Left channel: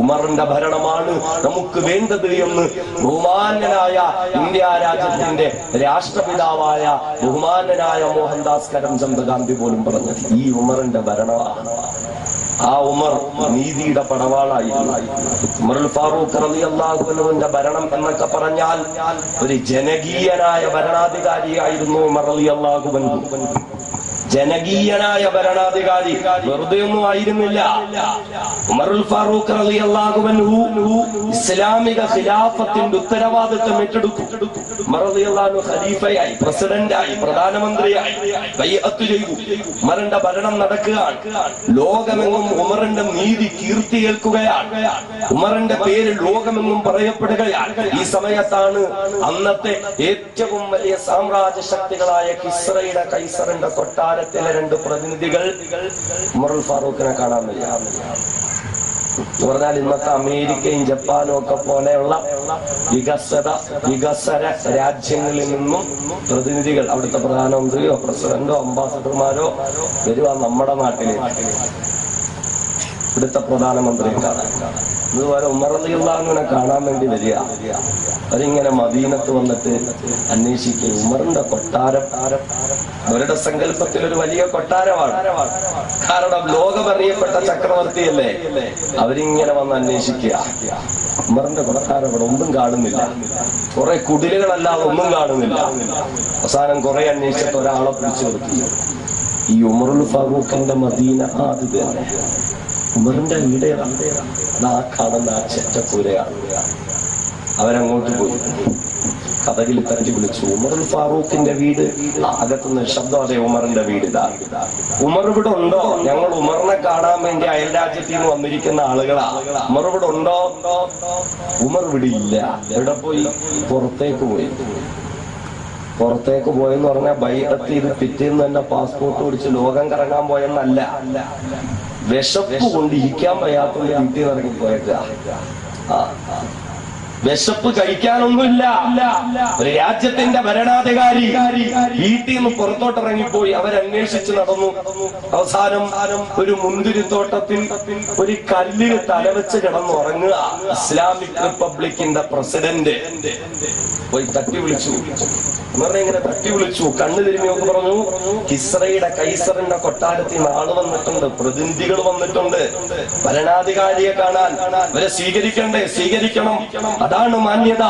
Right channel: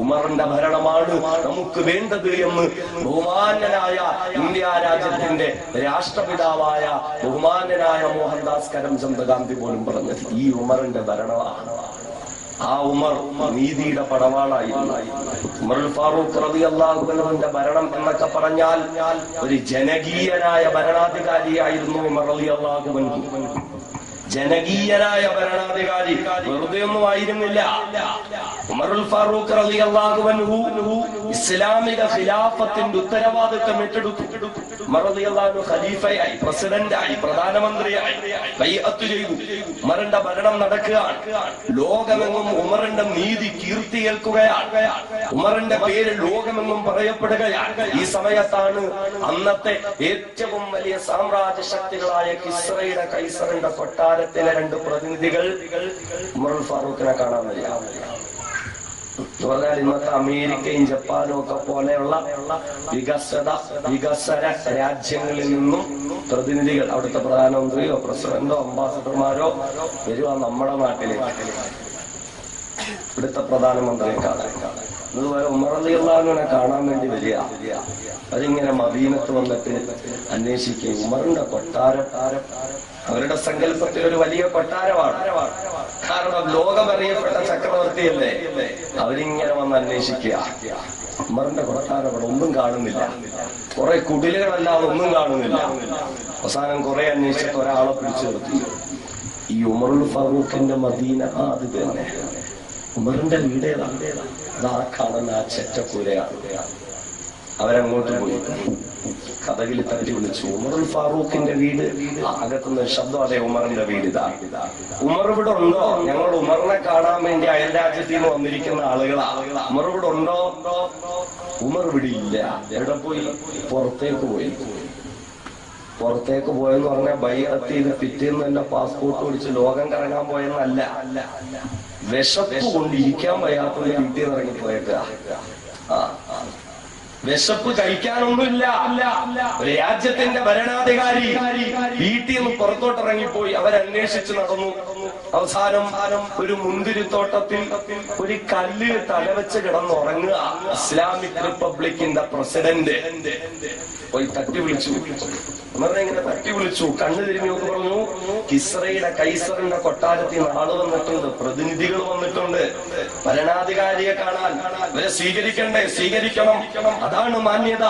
ഉമറിന്റെ ഭരണമാണ് നമുക്ക് വേണ്ടത് എന്ന് ബഹുമാന്യനായ ഇന്ത്യ രാജ്യത്തിന്റെ രാഷ്ട്രപിതാവായ ബഹുമാന്യനായ മോഹൻദാസ് കരംചന്ദ് ഗാന്ധി പോലും പറഞ്ഞു. ഈ ഉമറിന്റെ ഭരണമാണ്. ആ ഉമർ നീതിയുടെ പടവാളായിരുന്നു. ഉമറുൽ ഫാറൂഖ് റളിയല്ലാഹു അൻഹുവിന്റെ ഭരണം എന്നൊക്കെ പറഞ്ഞാൽ ഒരു ജനകീയനായ ഭരണാധികാരിയായിരുന്നു ഉമർ റളിയല്ലാഹു അൻഹു. ജനകീയനായ ഭരണാധികാരി, വെറുതെ ഒന്നും ആയിരുന്നില്ല. ഉമറുൽ ഫാറൂഖ് റളിയല്ലാഹു അൻഹു ഇസ്ലാമിക ഖിലാഫത്തിന്റെ ഉത്തരവാദിത്തം ഏറ്റെടുത്തു. ഉമർ റളിയല്ലാഹു അൻഹു ഖലീഫയായി, പ്രസിഡന്റായി, പ്രധാനമന്ത്രിയായി ബൈഅത്ത് ചെയ്തു. ഉമറിന്റെ ഭരണം നടക്കുകയാണ്. ലോകമെങ്ങും ഉമറിന്റെ നീതി കീർത്തി കേൾക്കുകയാണ്. ഉമറിന്റെ പേര് ലോകമെങ്ങും പറയപ്പെടുകയാണ്. ഈ സമയത്താണ് അന്നത്തെ ഏറ്റവും വലിയ സാമ്രാജ്യ ശക്തികളായ കിസ്രയുടെ കൈസറിന്റെ കൊട്ടാരത്തിലെ 2 പ്രതിനിധികൾ ഉമറുൽ ഫാറൂഖിനെ കാണാൻ വരിക. പറഞ്ഞാൽ ഇന്നത്തെ അമേരിക്കയും ജപ്പാനും ഒക്കെ പോലെയുള്ള വികസന രാജ്യങ്ങളിൽ നിന്നും പ്രതിനിധികൾ, അവിടുത്തെ പ്രധാനമന്ത്രിയോ പ്രസിഡന്റോ അംബാസഡർമാരോ വരുക നമ്മുടെ നാട്ടിലേക്ക്, ഇവിടുത്തെ പ്രധാനമന്ത്രിയെ കാണാൻ. അതുപോലെ ഉമർ റളിയല്ലാഹു അൻഹുവിനെ കാണാൻ വേണ്ടി വരിക. അവരിങ്ങനെ മദീനത്ത് വന്നിട്ട് അന്വേഷിക്കും. ഉമറിന്റെ കൊട്ടാരം അവരുടെ സങ്കല്പത്തിൽ ഒരു വലിയ കൊട്ടാരമാണ്. കാരണം ലോകമറിയപ്പെട്ട ചക്രവർത്തിയല്ലേ. അവരിങ്ങനെ വന്ന് അന്വേഷിക്കുക. ഉമറിന്റെ കൊട്ടാരം അവിടെ ഒന്നും കാണുന്നില്ല. കുറെ കുടിലുകളല്ലാതെ ഒന്നും കാണുന്നില്ല. അവസാനം കുറെ അന്വേഷിച്ചിട്ട് ഒരാളെ പിടിച്ചു നിർത്തി. ഈ ഉമറുൽ ഫാറൂഖിന്റെ മദീന അത് തന്നെ. ഉമറിന്റെ വീട് ആ കാണുന്ന ആ ചെറ്റപ്പൂരയാണ്. അവരങ്ങോട്ട് പോയി കഥകിൽ തട്ടി വിളിച്ചു. ഉമറുൽ ഫാറൂഖിന്റെ വീട്. അകത്തുനിന്ന് ശബ്ദം, അതെ ഉമറിന്റെ വീട് ഇതാ. ഉമർ ഇവിടെ ഉണ്ടോ? ഞങ്ങൾ ഉമറിനെ കാണാൻ വേണ്ടി അയൽ രാജ്യത്തിൽ നിന്ന് വന്നിരിക്കുന്ന ആളുകളാ. ഉമർ ഇവിടെ ഉണ്ടോ? ഉമർ ഇവിടെ ഇല്ല. എവിടെ പോയി? പുറത്തേക്ക് പോയി. പുറത്തേക്ക് പോയെന്ന് പറഞ്ഞാൽ ബൈഅത്തിൽ പിറ്റേന്ന് തന്നെ പാസ്പോർട്ട് പിടിച്ച് ലോകം കറങ്ങാൻ പോയെന്നല്ല. വിശപ്പ് കൊണ്ട് ഇരിക്കാൻ വയ്യാത്ത വീട്ടിൽ ഇറങ്ങി പോയേക്ക. വിശപ്പ് കഴിക്കാനൊന്നുമില്ല. ഒരു രാജ്യത്തിന്റെ ഭരണാധികാരി വീട്ടിൽ നിന്ന് പുറത്തോട്ട് ഇറങ്ങിപ്പോയി. അവരന്വേഷിച്ച് നടന്നു. അവസാനം ഒരു മുന്തിരിത്തോട്ടത്തിൽ ഒരു കല്ലിൽ തലവെച്ച് കിടന്നുറങ്ങുക. ഇസ്ലാമിക് റിപ്പബ്ലിക്കിന്റെ പ്രസിഡന്റ് പോയി തട്ടി വിളിച്ചു. ഇങ്ങനെ തട്ടി വിളിച്ചു. കണ്ണു തിരിഞ്ഞു നോക്കി പറഞ്ഞു, കിസ്രയുടെ കൈസറിന്റെ കൊട്ടാരത്തിൽ ആള് വന്നിട്ടുണ്ട്, പ്രതിനിധികൾ വന്നിട്ടുണ്ട്, ഭരണാധികാരിയെ കാണാൻ. ഇവരെ സ്വീകരിക്കണ്ടേ? സ്വീകരിക്കണം, അതാണ് മാന്യത.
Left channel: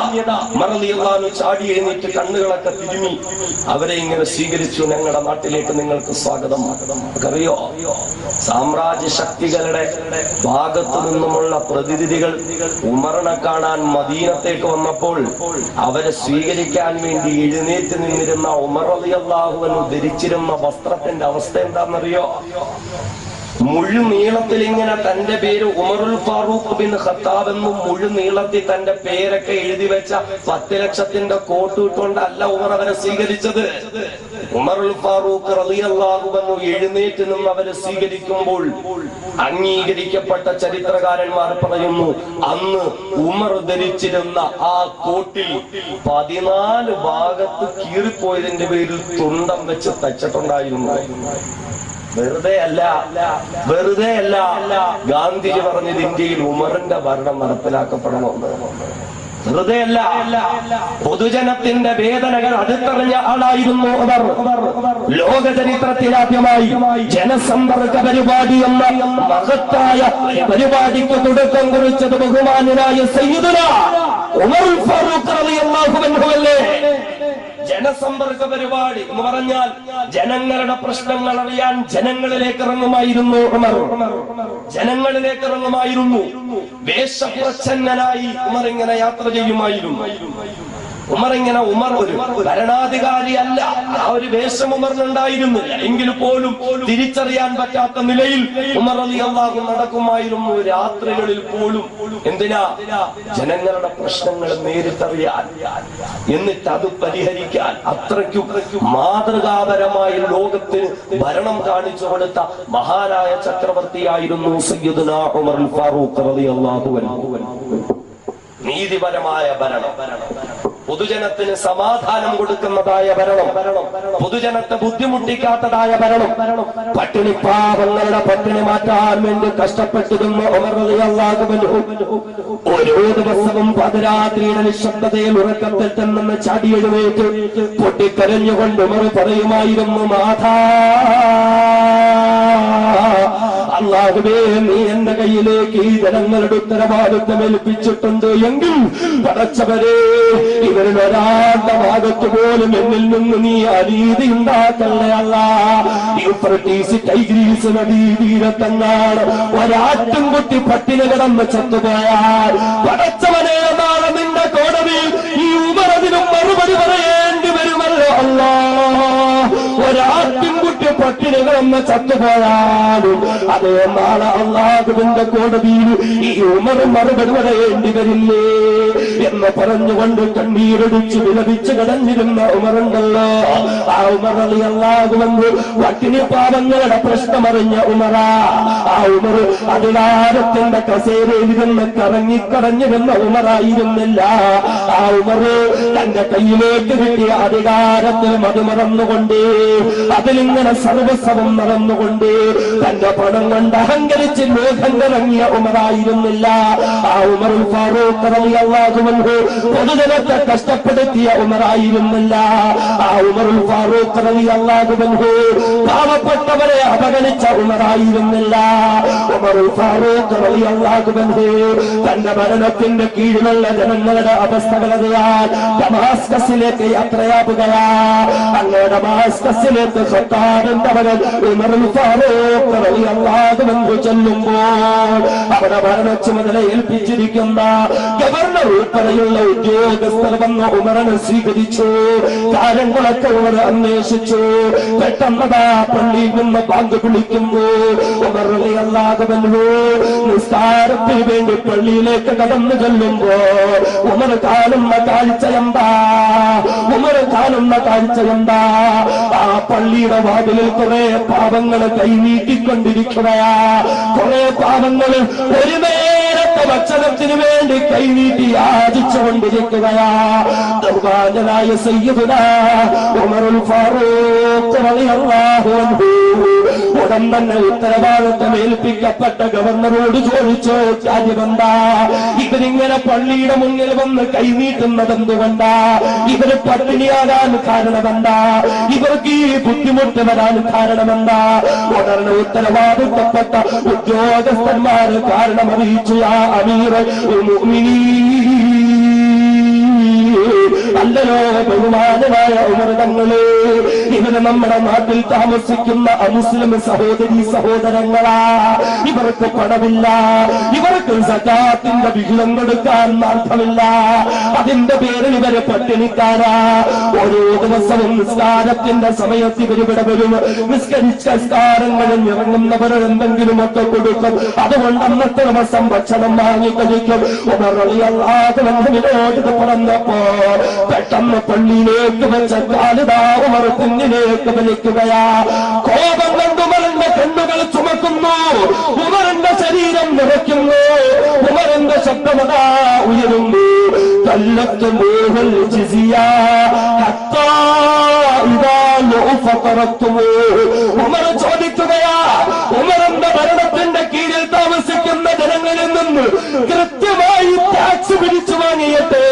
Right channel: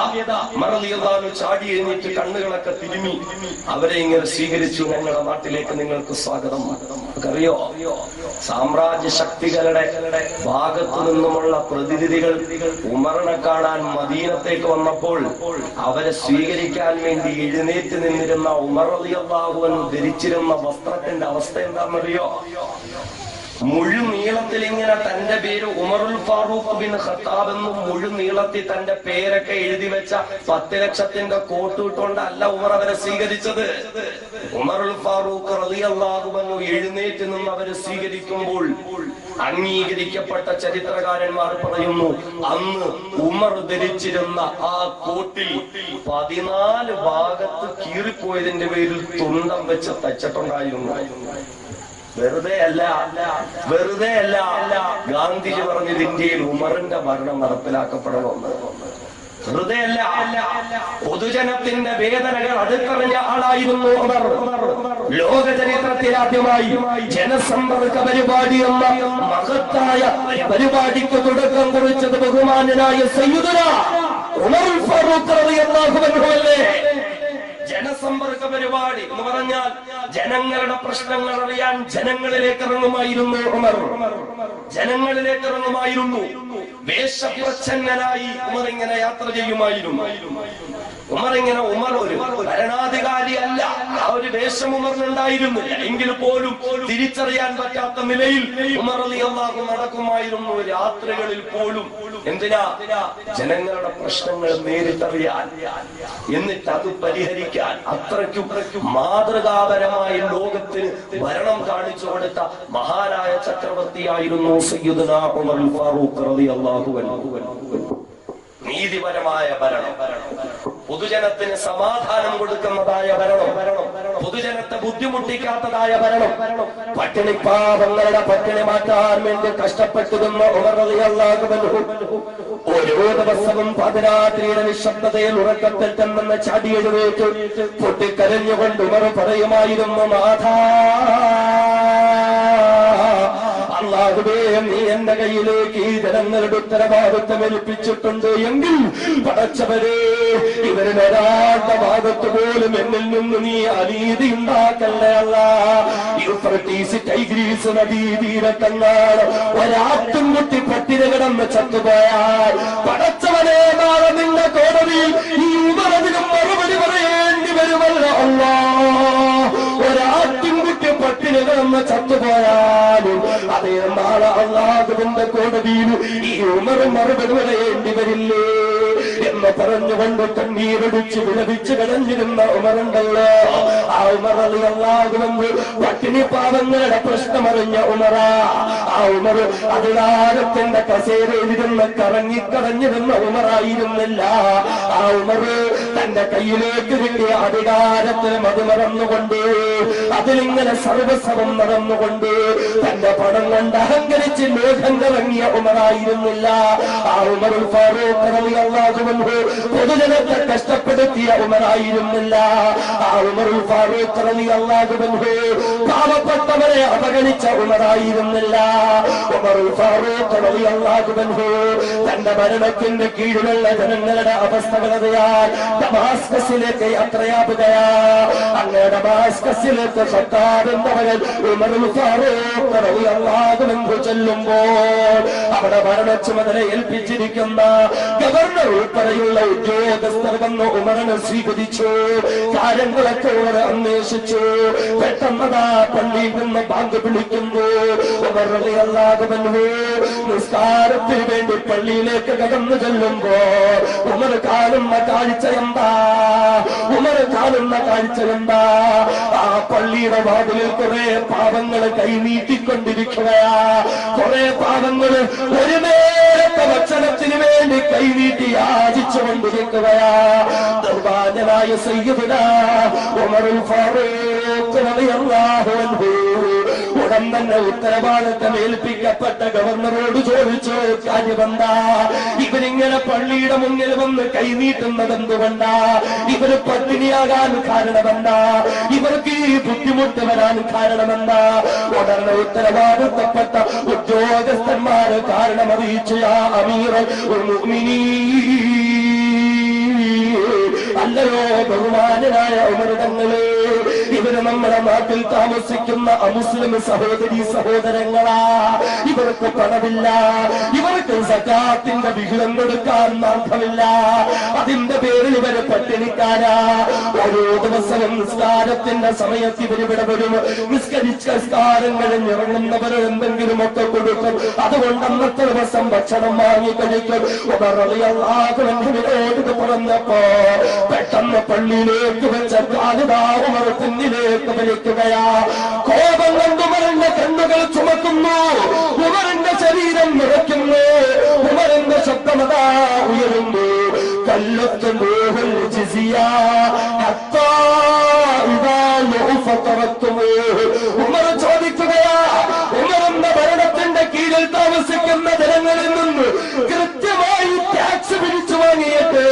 ഉമർ റളിയല്ലാഹു അൻഹു ചാടി എഴുന്നേറ്റ് കണ്ണുകളൊക്കെ തിരുമി അവരെ ഇങ്ങനെ സ്വീകരിച്ചു. ഞങ്ങളുടെ നാട്ടിലേക്ക് നിങ്ങൾക്ക് സ്വാഗതം. അറിയോ, സാമ്രാജ്യ ശക്തികളുടെ ഭാഗത്തു നിന്നുമുള്ള പ്രതിനിധികൾ ഉമറിനെ കാണാൻ മദീനത്തേക്ക് വന്നപ്പോൾ അവരെ സ്വീകരിക്കാൻ വേണ്ടി എഴുന്നേറ്റ് നിന്നിരുന്ന ഉമർ റളിയല്ലാഹു അൻഹു ധരിച്ചിരുന്ന വസ്ത്രത്തിന്റെ അവസ്ഥ എന്താണെന്നറിയോ? മുഴുനീളത്തിൽ ഇങ്ങനെ തന്റെ പേര് ഉമറുൽ ഫാറൂഖ് ബിൻ ഖത്താബ് എന്നും മുഴുനീളത്തിൽ തന്റെ പേരൊക്കെ എഴുതി വെച്ച 10 ലക്ഷത്തിന്റെ കോട്ട് ഇട്ടുകൊണ്ടല്ല ഉമർ അവരെ സ്വീകരിച്ചത്. ഉമറുൽ ഫാറൂഖ് റളിയല്ലാഹു അൻഹു എഴുന്നേറ്റ് നിന്ന് അവരെ സ്വീകരിക്കുമ്പോൾ അംഗീകരിക്കപ്പെട്ട ചരിത്രകാരന്മാർ പറയുന്നു, അന്ന് ഉമർ ധരിച്ചിരുന്ന ആ കോട്ടിൽ 14 ഭാഗത്ത് കീറിപ്പോയതിന്റെ പേരിൽ തുണ്ടം വെച്ച് തച്ചിട്ടുണ്ടായിരുന്നു. വെറുതെ അല്ല ഗാന്ധിജി പറഞ്ഞത് ഇന്ത്യയിൽ ഉമറിന്റെ ഭരണം നടപ്പിലാക്കപ്പെടണമെന്ന്. വെറുതെ അല്ല, പൊതുജനത്തിന്റെ വേദനകൾ അടുത്തറിഞ്ഞ ആളായിരുന്നു ഉമർ. ലോക ചരിത്രത്തിലാദ്യമായി ജനസമ്പർക്ക പരിപാടി എന്ന മഹത്തായ പരിപാടിക്ക് തുടക്കം കുറിച്ചത് ബഹുമാന്യനായ സയ്യിദുനാ ഉമറുൽ ഫാറൂഖ് റളിയല്ലാഹു അൻഹു അല്ലേ? ജനസമ്പർക്ക പരിപാടി എന്ന് പറഞ്ഞാൽ ജനങ്ങളുടെ പ്രശ്നങ്ങൾ അറിയാൻ ജനങ്ങളിലേക്ക് ഇറങ്ങുമായിരുന്നു ഉമർ. ജനങ്ങളിലേക്ക് ഇറങ്ങുമായിരുന്നു. വേഷപ്രച്ഛന്നനായി ഉമർ ഇങ്ങനെ യാത്ര ചെയ്യുമായിരുന്നു. ഉമർ ഒരു ഭരണാധികാരി അല്ല, ആ ഒരു വേഷം ഉമറിനുണ്ടായിരുന്നില്ല. എങ്കിൽ പോലും തിരിച്ചറിയാൻ പറ്റാത്ത നിലയിൽ ഉമർ റളിയല്ലാഹു അൻഹു നടക്കുമായിരുന്നു. രാത്രികളിൽ പോലും. എന്തിനാ? ജനങ്ങളുടെ പ്രശ്നങ്ങൾ നേരിട്ടറിയാൻ, എന്നിട്ട് അത് പരിഹരിക്കാൻ. അത്രയ്ക്കും മാതൃകാപരമായി ലോകത്തിന് ഭരണം കാണിച്ചു കൊടുത്ത മഹാനായ ചക്രവർത്തിയായിരുന്നു സയ്യിദുനാ ഉമറുൽ ഫാറൂഖ് റളിയല്ലാഹു അൻഹു. നീതിപരമായ ഭരണം. പൊതുജനത്തിന് സമാധാനം കൊടുക്കുന്നതായ ഭരണം, പൊതുജനത്തെ ബുദ്ധിമുട്ടിക്കാത്തതായ ഭരണം, പട്ടിണിപ്പാവങ്ങളുടെ പട്ടിണി മാറ്റാൻ വേണ്ടി കഷ്ടപ്പെട്ടിരുന്ന ഉമർ റളിയല്ലാഹു അൻഹു ഓരോ ദിവസവും പാതിരാത്രിയുടെ നിശബ്ദതയിൽ ഉറക്കത്തിൽ തന്നെ ചാടിയെഴുന്നേറ്റ് പൊട്ടിക്കരഞ്ഞുകൊണ്ട് ഉമർ പറയുമായിരുന്നു, നാഥാ, അല്ലാഹുവേ, നീ എന്റെ കയ്യിലേക്ക് ഈ ജനങ്ങളുടെ ഉത്തരവാദിത്വം ഏൽപ്പിച്ചിട്ടുണ്ട് എങ്കിൽ പടച്ചവരെ, ഇവരിൽ ഒരാളുടെ ഭാഗത്ത് പോലും എന്നിൽ നിന്ന് നീ അനീതി ഉണ്ടാക്കല്ലേ അല്ലാ. യൂഫ്രട്ടീസ് ടൈഗ്രീസ് നദീതീരത്തെങ്ങാണ് ഒരാട്ടുംകുട്ടി പട്ടിണി കിടന്ന് ചത്തുപോയാൽ പടച്ചവനെ, നാളെ നിന്റെ കോടതിയിൽ ഈ ഉമറിനും മറുപടി പറയേണ്ടി വരുമല്ലോ അല്ലാ. ഒരാട്ടുംകുട്ടി പട്ടിണി കിടന്ന് ചത്തുപോയാലും അതേ നാളെ അല്ലാഹുവിന്റെ കോടതിയിൽ ഈ ഉമർ മറുപടി പറയേണ്ടി വരില്ലേ എന്ന് പറഞ്ഞുകൊണ്ട് കണ്ണീരൊടിച്ച് വിലപിച്ച് കിടന്നിരുന്ന ഉമറുണ്ടല്ലോ. ആ ഉമർ റളിയല്ലാഹു അൻഹു പട്ടിണി പാവങ്ങളുടെ പ്രശ്നമറിഞ്ഞ ഉമറാ. ആ ഉമർ അധികാരത്തിന്റെ കസേരയിലിരുന്ന് കറങ്ങിക്കറഞ്ഞിരുന്ന ഉമറായിരുന്നില്ല. ആ ഉമർ തന്റെ കയ്യിലേക്ക് കിട്ടിയ അധികാരത്തിൽ മതുമറന്നുകൊണ്ട്, അതിലിങ്ങനെ സർവസ്വം നടന്നുകൊണ്ട്, തന്റെ പണം കൊണ്ട് അഹങ്കരിച്ച് മേഘം ഇറങ്ങിയ ഉമറായിരുന്നില്ല. ആ ഉമർ ഫാറൂഖ് റളിയല്ലാഹു അൻഹു പൊതുജനത്തെ കഷ്ടപ്പെടുത്തിയ ഉമറായിരുന്നില്ല. ആ ഉമർ ഫാറൂഖ് റളിയല്ലാഹു അൻഹു പാവപ്പെട്ടവരെ അവഗണിച്ച ഉമറായിരുന്നില്ല. ഉമർ ഫാറൂഖ് റളിയല്ലാഹു അൻഹു തന്റെ ഭരണത്തിന്റെ കീഴിലുള്ള ജനങ്ങളുടെ അവസ്ഥകളറിയാൻ ദമാസ്കസിലേക്ക് യാത്രയാവുകയാ. അങ്ങനെ ദമാസ്കസിലേക്ക് സർക്കാരിന്റെ മകൻ ഉമർ ഫാറൂഖ് റളിയല്ലാഹു അൻഹു ചെല്ലുമ്പോൾ അവിടെ ഭരണ ചുമതല ഏൽപ്പിച്ചിരിക്കുന്ന ഗവർണർ ഉൾപ്പെടെയുള്ള ഉദ്യോഗസ്ഥർ വന്ന് ഉമറിനെ സ്വീകരിച്ചു. കാര്യങ്ങളൊക്കെ ഉമർ അന്വേഷിച്ചു. പെട്ടെന്നതാ പള്ളിയിൽ നിന്ന് ബാങ്ക് വിളിക്കുമ്പോൾ ഉമർ റളിയല്ലാഹു അൻഹു നിസ്കാരത്തിന് വേണ്ടി പള്ളിയിലേക്ക് കടന്നു ചെല്ലുമ്പോ ഉമർ കാണുന്ന കാഴ്ച എന്താ? ഉമർ കാണുന്ന കാഴ്ച എന്താ? ആ പള്ളിയുടെ വാതിലിൽ കുറെ പാവങ്ങൾ കൈനീട്ടിക്കൊണ്ടിരിക്കുകയാ. കുറെ പാവങ്ങൾ ഒരു നേരത്തെ ഭക്ഷണത്തിന് വേണ്ടി കൈനീട്ടി യാചിച്ചുകൊണ്ടിരിക്കുകയാ. ദുർബാലനായ സയ്യിദുനാ ഉമറുൽ ഫാറൂഖ് റളിയല്ലാഹു അൻഹു ഉടൻ തന്നെ ഉത്തരവാദിത്തം ഏൽപ്പിക്കപ്പെട്ട ഗവർണറോട് ചോദിച്ചു, കാര്യമെന്താ? ഇവരിങ്ങനെ പള്ളിയുടെ മുന്നിൽ വന്ന് കൈനീട്ടുന്നത് എന്തുകൊണ്ടാ? ഇവര് പട്ടിണിയാകാൻ കാരണമെന്താ? ഇവർക്ക് ഈ ബുദ്ധിമുട്ട് വരാൻ കാരണമെന്താ? ഉടനെ ഉത്തരവാദിത്തപ്പെട്ട ഉദ്യോഗസ്ഥന്മാര് കാരണം അറിയിച്ചു, യാ അമീറുൽ മുഅ്മിനീൻ, അല്ലയോ ബഹുമാനനായ ഉമർ തങ്ങളെ, ഇവര് നമ്മുടെ നാട്ടിൽ താമസിക്കുന്ന അമുസ്ലിം സഹോദരീ സഹോദരങ്ങളാ. ഇവർക്ക് പണമില്ല, ഇവർക്ക് സകാത്തിന്റെ വിഹിതം കൊടുക്കാൻ അർത്ഥമില്ല. അതിന്റെ പേരിൽ ഇവര് പട്ടിണിക്കാരാ. ഓരോ ദിവസവും നിസ്കാരത്തിന്റെ സമയത്ത് ഇവരിവിടെ വരും. നിസ്കരിച്ച നിസ്കാരങ്ങളിൽ ഇറങ്ങുന്നവർ എന്തെങ്കിലുമൊക്കെ കൊടുക്കും. അതുകൊണ്ട് അന്നത്തെ ദിവസം ഭക്ഷണം വാങ്ങി കഴിക്കും. ഉമർ റളിയല്ലാഹു അൻഹുവിനോട് ഇത് പറഞ്ഞപ്പോ പെട്ടെന്ന് പള്ളിയിലേക്ക് വെച്ച കാലിതാ ഉമർ കുഞ്ഞിലേക്ക് വലിക്കുകയാ. കോപം കൊണ്ട് ഉമറിന്റെ കണ്ണുകൾ ചുമക്കുന്നു, ഉമറിന്റെ ശരീരം നിറയ്ക്കുന്നു, ഉമറിന്റെ ശബ്ദമതാ ഉയരുന്നു. കല്ലത്തുമൂഹുൽ ജിസിയ ഹത്താ ഇദാ ലുഅഫതറത്തുമൂഹ്. ഉമർ ചോദിക്കുകയാ, ഉമറിന്റെ ഭരണത്തിന്റെ കീഴിൽ താമസിക്കുന്ന ജനങ്ങളിൽ നിന്ന് കൃത്യമായി ടാക്സ് പിടിച്ചു വാങ്ങിയിട്ട്,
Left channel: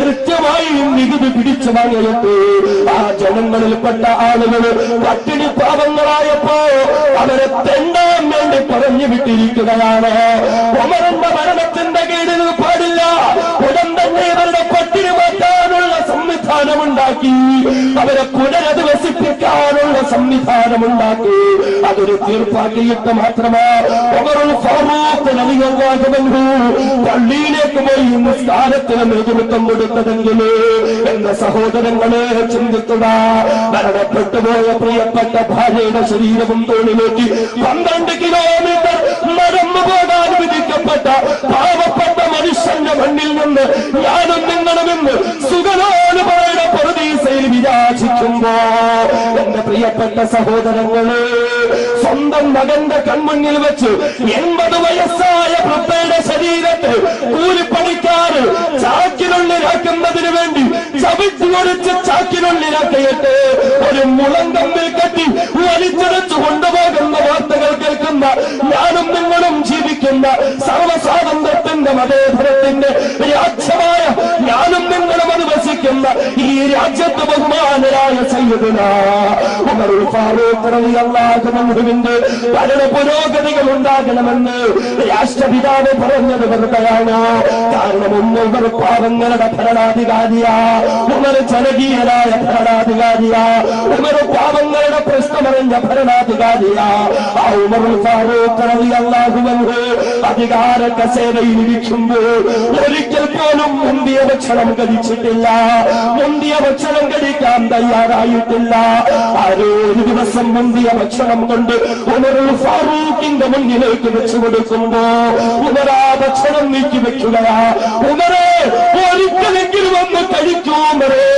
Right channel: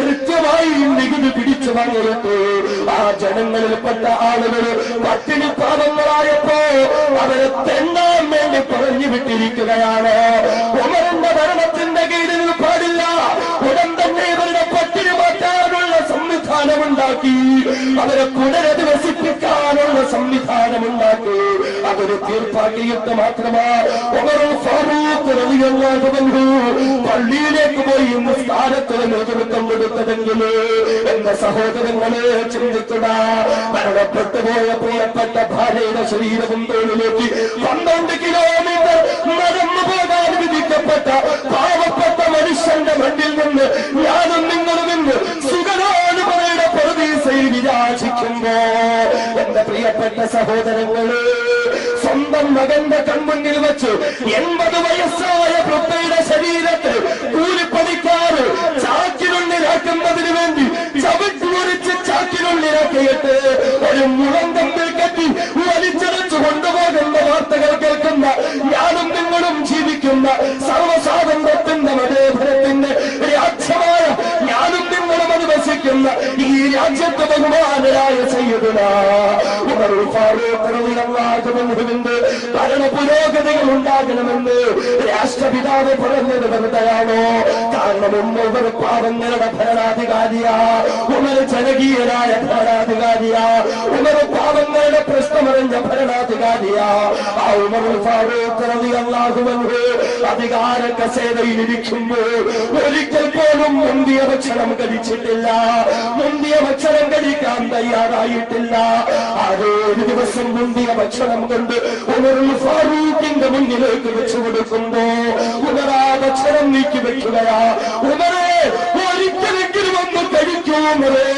കൃത്യമായി നികുതി പിടിച്ചു വാങ്ങിയിട്ട് ആ ജനങ്ങളിൽപ്പെട്ട ആളുകൾ പട്ടിണി പാവങ്ങളായപ്പോ അവരെ തെണ്ടാൻ വേണ്ടി പറഞ്ഞു വിട്ടിരിക്കുകയാണ്. ഉമറിന്റെ ഭരണത്തിന്റെ കീഴിൽ പാടില്ല. ഉടൻ തന്നെ ഇവരുടെ പട്ടിണി മാറ്റാനുള്ള സംവിധാനമുണ്ടാക്കി, അവരെ പുനരധിവസിപ്പിക്കാനുള്ള സംവിധാനമുണ്ടാക്കി. അതൊരു തീർപ്പാക്കിയിട്ട് മാത്രമാ ഉമറുൽ ഫാറൂഖ് റളിയല്ലാഹു അൻഹു പള്ളിയിലേക്ക് പോയി നിസ്കാരത്തിന് നേതൃത്വം കൊടുത്തതെങ്കിൽ എന്റെ സഹോദരങ്ങളെ ചിന്തിക്കുക. മരണപ്പെട്ടുപോയ പ്രിയപ്പെട്ട ഭാര്യയുടെ ശരീരവും തോളിലേക്ക് 12 കിലോമീറ്റർ നടന്നു പോകാൻ വിധിക്കപ്പെട്ട പാവപ്പെട്ട മനുഷ്യന്റെ മണ്ണിൽ നിന്ന് ഞാനും നിങ്ങളും ഇന്ന് സുഖലോലുമായ പറുദീസയിൽ വിരാജിക്കുമ്പോ എന്റെ പ്രിയപ്പെട്ട സഹോദരങ്ങളെ, സ്വന്തം മകന്റെ കൺമുന്നിൽ വെച്ച് 80 വയസ്സായ വൃദ്ധയുടെ ശരീരത്തിൽ കൂലിപ്പണിക്കാർ ചാക്കിനുള്ളിലാക്കുന്നതിന് വേണ്ടി സർവ്വസ്വാതന്ത്ര്യത്തിന്റെ മതേതരത്തിന്റെ രാജ്യമായ ഞാനും നിങ്ങളും അനുവസിക്കുന്ന ഈ രാജ്യത്ത് ബഹുമാനരായ സയ്യിദുനാ ഉമറുൽ ഫാറൂഖ് റളിയല്ലാഹു അൻഹുവിന്റെ ഭരണ പുരോഗതികൾ ഉണ്ടാകണമെന്ന് രാഷ്ട്രപിതാവ് പറഞ്ഞത് വെറുതെയാണോ? കാരണം ഉമർ പാവങ്ങളുടെ ഭരണാധികാരിയാ, ഉമർ ജനകീയനായ ഭരണാധികാരിയാ, ഉമർ പാവങ്ങളുടെ പ്രശ്നമറിഞ്ഞ ഭരണാധികാരിയാ. ആ ഉമറുൽ ഫാറൂഖ് റളിയല്ലാഹു അൻഹു അധികാര കസേരയിൽ ഇരിക്കുമ്പോൾ ഒരിക്കൽ പോലും മുന്തിയ ഭക്ഷണം കഴിച്ചിട്ടില്ല, മുന്തിയ ഭക്ഷണം കഴിക്കാൻ തയ്യാറായിട്ടില്ല. ആരോ ഒരു ദിവസം മുന്തിയ ഭക്ഷണം കൊണ്ട് ഉമറുൽ ഫാറൂഖിന്റെ മുന്നിലേക്ക് വെച്ചു കൊടുക്കുമ്പോ ഉമർ ആ ഭക്ഷണം നീക്കി വെക്കുകയാ. ഉമറേ, ഒരിക്കലെങ്കിലും ഒന്ന് കഴിക്കൂ ഉമറേ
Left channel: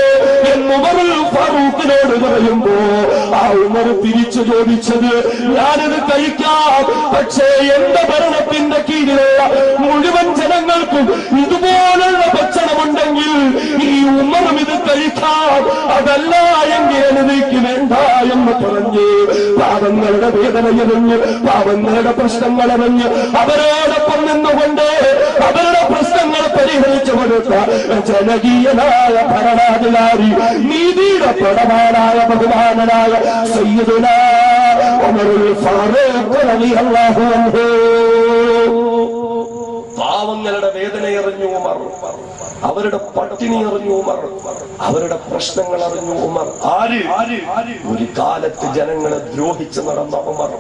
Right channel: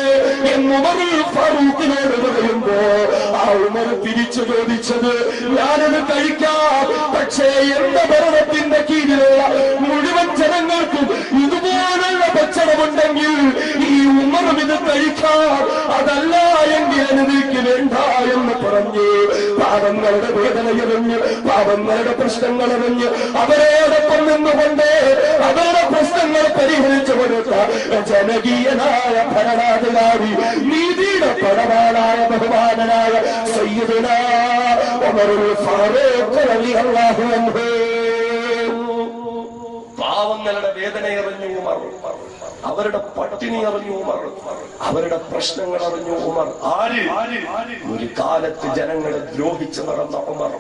എന്ന് ഉമറുൽ ഫാറൂഖിനോട് പറയുമ്പോ ആ ഉമർ തിരിച്ചു ചോദിച്ചത്, ഞാനത് കഴിക്കാം, പക്ഷേ എന്റെ ഭരണത്തിന്റെ കീഴിലുള്ള മുഴുവൻ ജനങ്ങൾക്കും ഇതുപോലുള്ള ഭക്ഷണമുണ്ടെങ്കിൽ ഈ ഉമറും ഇത് കഴിക്കാം, അതല്ല എങ്കിൽ എനിക്ക് വേണ്ട എന്ന് പറഞ്ഞ് പാവങ്ങളുടെ വേദനയറിഞ്ഞ് പാവങ്ങളുടെ പ്രശ്നങ്ങളറിഞ്ഞ് അവരോടൊപ്പം നിന്നുകൊണ്ട് അവരുടെ പ്രശ്നങ്ങൾ പരിഹരിച്ചു കൊടുത്ത ജനകീയനായ ഭരണാധികാരി, നീതിയുടെ പടവാനായ ബഹുമാനനായ സയ്യിദുനാ ഉമറുൽ ഫാറൂഖ് റളിയല്ലാഹു അൻഹു. പാവങ്ങളുടെ വേദനയറിഞ്ഞു ഉമർ, അവരുടെ പട്ടിണി അറിഞ്ഞു ഉമർ, അവരുടെ പ്രശ്നങ്ങൾ അറിഞ്ഞു ഉമർ. ആര്? ഒരു കാലത്ത് ജനങ്ങളെ ദ്രോഹിച്ച് നടന്ന ഉമർ,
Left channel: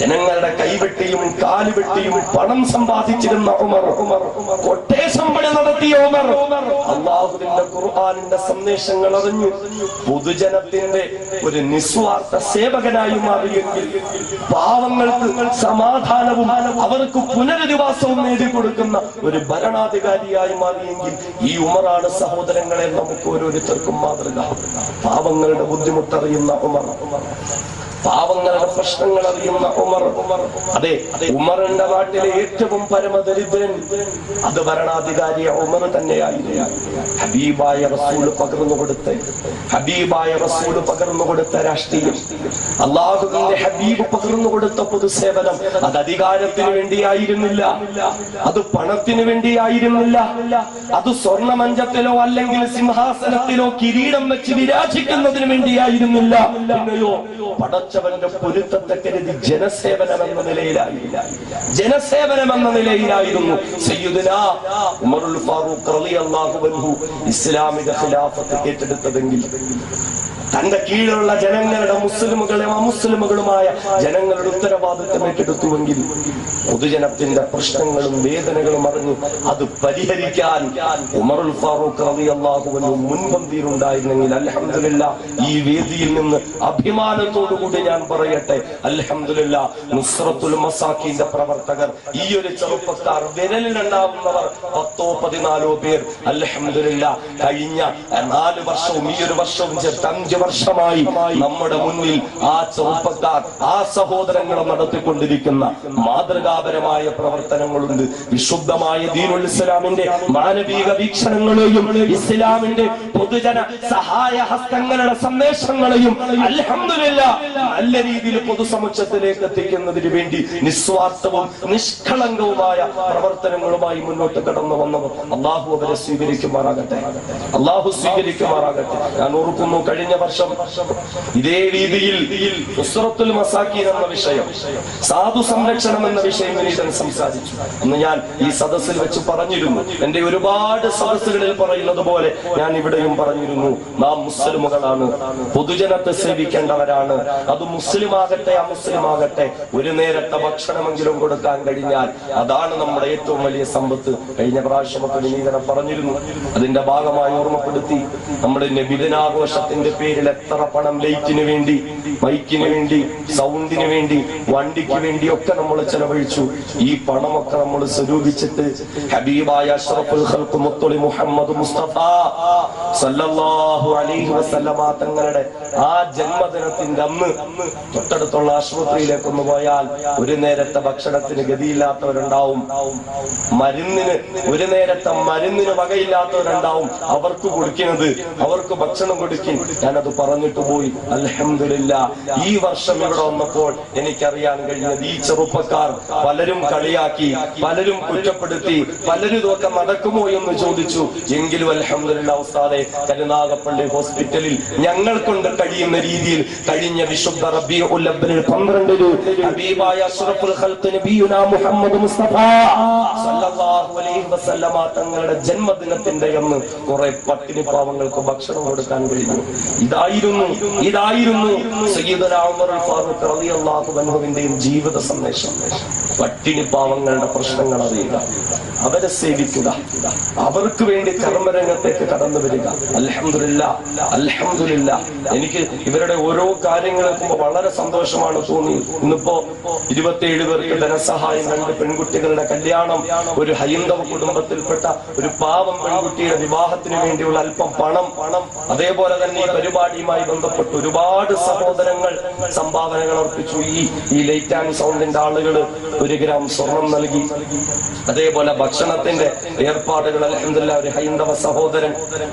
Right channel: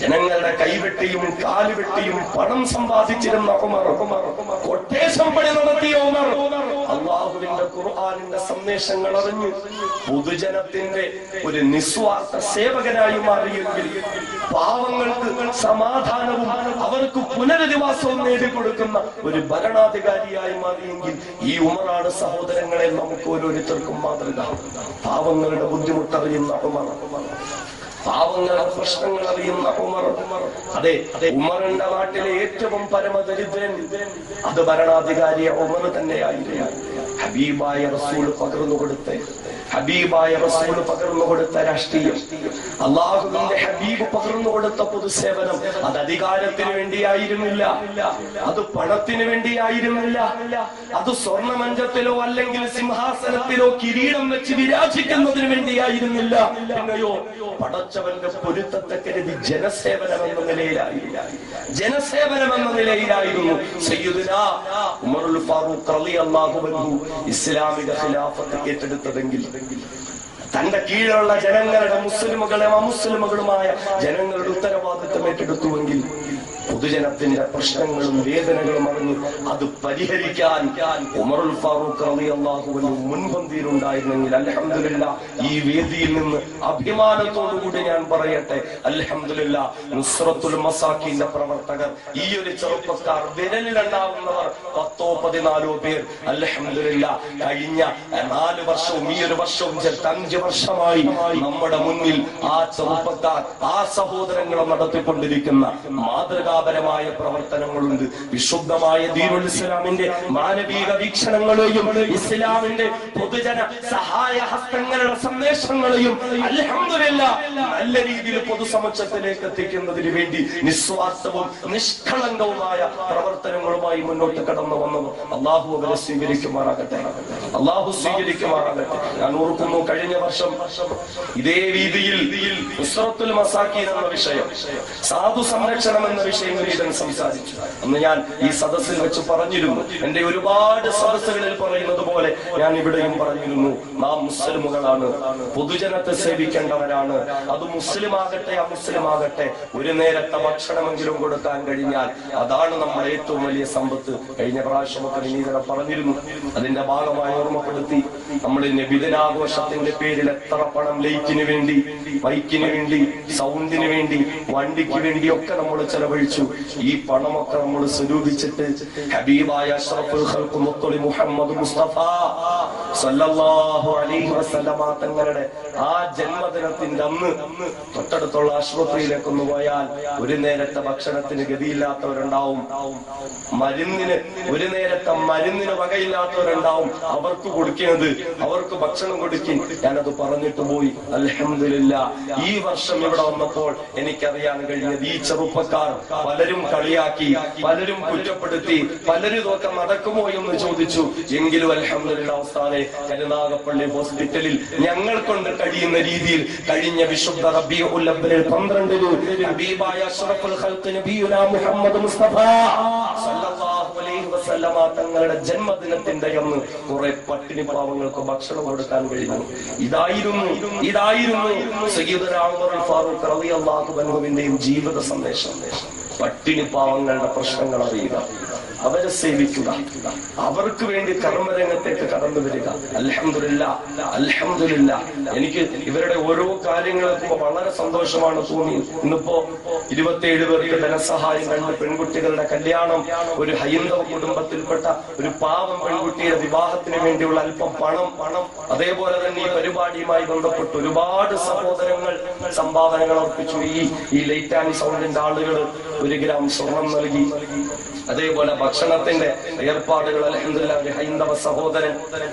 ജനങ്ങളുടെ കൈവെട്ടിയും കാലുവെട്ടിയും പണം സമ്പാദിച്ചിരുന്ന ഉമർ, കൊട്ടേഷൻ പണി നടത്തിയ ഉമർ, അല്ലാഹുവിന്റെ ഖുർആനിന്റെ സന്ദേശങ്ങൾ അറിഞ്ഞു പൊതുജനത്തിന്റെ ഒരു നിസ്വാർത്ഥ സേവകനായി മാറിയെങ്കിൽ, പാവങ്ങൾക്ക് സമാധാനവും അവർക്ക് പുനരധിവാസവും നേടിക്കൊടുക്കുന്ന ഒരു ഭരണാധികാരിയായി മാറിയെങ്കിൽ ഈ ഉമറാണ് സഹോദരങ്ങളെ നമുക്ക് ഓരോരുത്തർക്കും മാതൃക. പാവങ്ങളുടെ ബുദ്ധിമുട്ടറിയുന്ന ഉമർ, പാവങ്ങളുടെ പ്രശ്നങ്ങൾ അറിയുന്ന ഉമർ. അതെ, ഉമറിന്റെ നാട്ടിലെ ഏറ്റവും പരമദരിദ്രൻ അത് ഭരണാധികാരി ഉമർ തന്നെയായിരുന്നു. ഹബീബായ റസൂൽ പകർന്നു കൊടുത്ത രാഷ്ട്രീയം, അല്ലാഹുവിന്റെ ഹബീബ് പകർന്നു കൊടുത്ത പൊതുസേവനം, അത് അധികാരത്തിന് വേണ്ടിയായിരുന്നില്ല, അത് പണത്തിന് വേണ്ടിയായിരുന്നില്ല, അത് സ്വർണമഞ്ചത്തിലോ അല്ലെങ്കിൽ സിംഹാസനത്തിലോ കിരീടം വെച്ച് വിരാജിക്കുന്നതിന് വേണ്ടിയായിരുന്നില്ല. പിന്നെയോ പടച്ചവന്റെ പൊരുത്തത്തെ കരുതി ജനസേവനം എന്ന നിലയിലായിരുന്നു സയ്യിദുനാ ഉമറുൽ ഫാറൂഖ് റളിയല്ലാഹു അൻഹു ഇസ്ലാമിക ഖിലാഫത്ത് ഏറ്റെടുത്തതെങ്കിൽ, തന്റെ കീഴിലുള്ള ജനങ്ങളുടെ മുസ്ലിമുകളും അമുസ്ലിമുകളുമായ ജനങ്ങളുടെ ഉത്തരവാദിത്വം ഏറ്റെടുത്തുവെങ്കിൽ, പൊതുജനത്തിന്റെ പ്രശ്നങ്ങളും വേദനകളും അറിഞ്ഞു അത് പരിഹരിക്കാൻ ഉമറുൽ ഫാറൂഖ് റളിയല്ലാഹു അൻഹു മുൻപന്തിയിലുണ്ടായിരുന്നെങ്കിൽ, അൽഹംദുലില്ലാഹ്, ഈ വേദിയിൽ നിന്ന് അഭിമാനത്തോടുകൂടി ഞാൻ പറയട്ടെ, അൽഹംദുലില്ലാഹ്, നുസ്റത്തുൽ മസാക്കീന്റെ പ്രവർത്തകർ, ഈ ഒരു ചെറുപ്പക്കാർ, വിരലിലുണ്ടാവുന്നവർ 10-14 പേർ, അൽഹംദുലില്ലാഹ്, കഴിഞ്ഞ 4 വർഷവും ഈ ഒരു വർഷവും ചേർത്ത് 5 വർഷമായി നമ്മുടെ മുന്നിൽ ആ ചെറുപ്പക്കാർ, ആ സഹോദരങ്ങളെ നടത്തിക്കൊണ്ടിരിക്കുന്ന മാതൃകാപരമായ പ്രവർത്തനങ്ങളുണ്ട്. വിശുദ്ധമായ ദീനുൽ ഇസ്ലാമിന്റെ മാനവിക വീക്ഷണങ്ങളെയും ഇസ്ലാമിന്റെ പൊതുജന സഹായ ഹസ്തങ്ങളുടെ സന്ദേശങ്ങളെയും അൽഹംദുലില്ലാഹ് നല്ല രീതിയിൽ പൊതുസമൂഹത്തിലേക്ക് എത്തിക്കുന്നതിന് വേണ്ടി നിസ്വാർത്ഥവും നിഷ്കളങ്കവുമായ പ്രവർത്തനങ്ങളുമായി മുന്നോട്ട് കടന്നു വന്നവർ അല്ലാഹു അവരെ സ്വീകരിക്കുമാറാകട്ടെ. ഞാൻ ഓർക്കുന്നു, കഴിഞ്ഞ വർഷം ഇതേ രീതിയിൽ നുസ്റത്തുൽ മസാക്കീൻ എന്ന വിഷയം, സാധു സംരക്ഷണം എന്ന വിഷയം സംസാരിച്ചു. അന്ന് ഞാൻ ഈ സദസ്സിൽ വെച്ച് പറഞ്ഞിരുന്നു, എന്റെ ഒരുപാട് സദസ്സുകളിൽ പറയുന്നത് പോലെ ഞാൻ ഇവിടെയും പറഞ്ഞിരുന്നു, നാം മുസ്ലിമുകളാണ്, പൊതുജനത്തെ സേവിക്കേണ്ടവരാണ്. അത് മുസ്ലിമാകട്ടെ അമുസ്ലിമാകട്ടെ, ഒരു നേരത്തെ ഭക്ഷണമെങ്കിലും കൊടുക്കാൻ കഴിഞ്ഞാൽ അതാണ് നമ്മുടെ ഏറ്റവും വലിയ സമ്പത്ത്. കഴിഞ്ഞ പ്രാവശ്യമൊക്കെ വിനീതനം പറഞ്ഞിരുന്നു. അതിന്റെ ഭാഗമായി ഓർമ്മപ്പെടുത്തി, നമ്മുടെ നബിദിനാഘോഷത്തിന്റെ പേരിൽ എത്ര പണം ലൈറ്റിന് വേണ്ടി, മൈക്കിന് വേണ്ടി, സൗണ്ടിന് വേണ്ടി, വണ്ടിക്ക് വേണ്ടി ഒക്കെ നമ്മൾ ചെലവഴിച്ചു. ഈ പണമൊക്കെ നമ്മൾ സ്വരൂപിച്ചിട്ട് ഹബീബായ അഷ്റഫുൽ ഖൽഖ് മുത്തുളി മുഹമ്മദ് മുസ്തഫ സല്ലല്ലാഹു അലൈഹി വസല്ലമ തങ്ങളുടെ ആ ജന്മദിനത്തിന്റെ അന്ന് തൊട്ടടുത്തുള്ള ആശുപത്രിയിലേക്ക് ഒന്ന് പോയാൽ ഒരു നേരത്തെ ഭക്ഷണത്തിന് ഗതിയില്ലാത്തവരുണ്ടാവും, ഒരു നേരത്തെ മരുന്നിന് വകയില്ലാത്തവരുണ്ടാവും. ഉണ്ടാവും, അവർക്ക് കൊടുക്കുന്നത്, അവർക്ക് ഭക്ഷണം കൊടുക്കും. ഞാനത് പറഞ്ഞിട്ട് പോയി. അൽഹംദുലില്ലാ ഈ വർഷം ഇവിടെ വന്നപ്പോൾ എനിക്കറിയാൻ കഴിഞ്ഞത് ഈ ചെറുപ്പക്കാർ പലരും കളിയാക്കി, പലരും കുറ്റപ്പെടുത്തി, പലരും ഇതൊക്കെ നടക്കുമോ എന്ന് ചോദിച്ചു. എങ്കിലും അൽഹംദുലില്ലാ ഉസ്താദേ, കരുനാഗപ്പള്ളി ഹോസ്പിറ്റലിൽ ഞങ്ങൾ കൊണ്ട് കഴിയുന്ന രീതിയിൽ കഴിഞ്ഞ വിശുദ്ധ റബീഉൽ അവ്വൽ 12 ഹബീബായ അഷ്റഫുൽ ഖൽഖ് നബിയുനാ മുഹമ്മദ് മുസ്തഫ സല്ലല്ലാഹു അലൈഹി വസല്ലമ തങ്ങളുടെ ജന്മദിനത്തിന്റെ അന്ന് കുറെ പട്ടിണി പാവങ്ങൾക്ക് ഭക്ഷണം കൊടുക്കാൻ കഴിഞ്ഞു. ഇതായിരുന്നു സയ്യിദുനാ ഉമർ ഫാറൂഖ് റളിയല്ലാഹു അൻഹുവിന്റെയും ജീവിത സന്ദേശം. പട്ടിണി പാവങ്ങളുടെ പ്രശ്നങ്ങൾ അറിയുക, അവരെ സേവിക്കുക, അവർക്ക് വേണ്ടി കർമ്മരംഗത്തേക്ക് കടന്നു വരിക. അൽഹംദുലില്ലാ എനിക്ക് ഇവരുടെ ഓരോ കാര്യങ്ങൾ വളരെ സന്തോഷമാണ് തോന്നിയത്. ഇന്നിപ്പോ 27 പേർക്ക് ധനസഹായം, 2 പെൺകുട്ടികളുടെ കല്യാണം, ഒരു ഹൈന്ദവ കുടുംബത്തിൽപ്പെട്ട ഒരു പാവം പെൺകുട്ടിയുടെ വിവാഹത്തിന് വേണ്ടിയുള്ള അല്പം പണം, അതേപോലെ തന്നെ ഈ പരിപാടിയുമായി ബന്ധപ്പെട്ട് ഒരുപാട് സഹോദരങ്ങൾ സംഭാവനകൾ അർപ്പിച്ചു. ഈ ലൈറ്റ് ആൻഡ് സൗണ്ടിന്റെ ആളുകൾ 1 ഗ്രാം സ്വർണം നൽകി. അതേപോലെ ഭക്ഷണത്തിന്റെ ഏർപ്പാടുകൾ അൽഹംദുലില്ലാ ഒരു ഹൈന്ദവ സഹോദരൻ,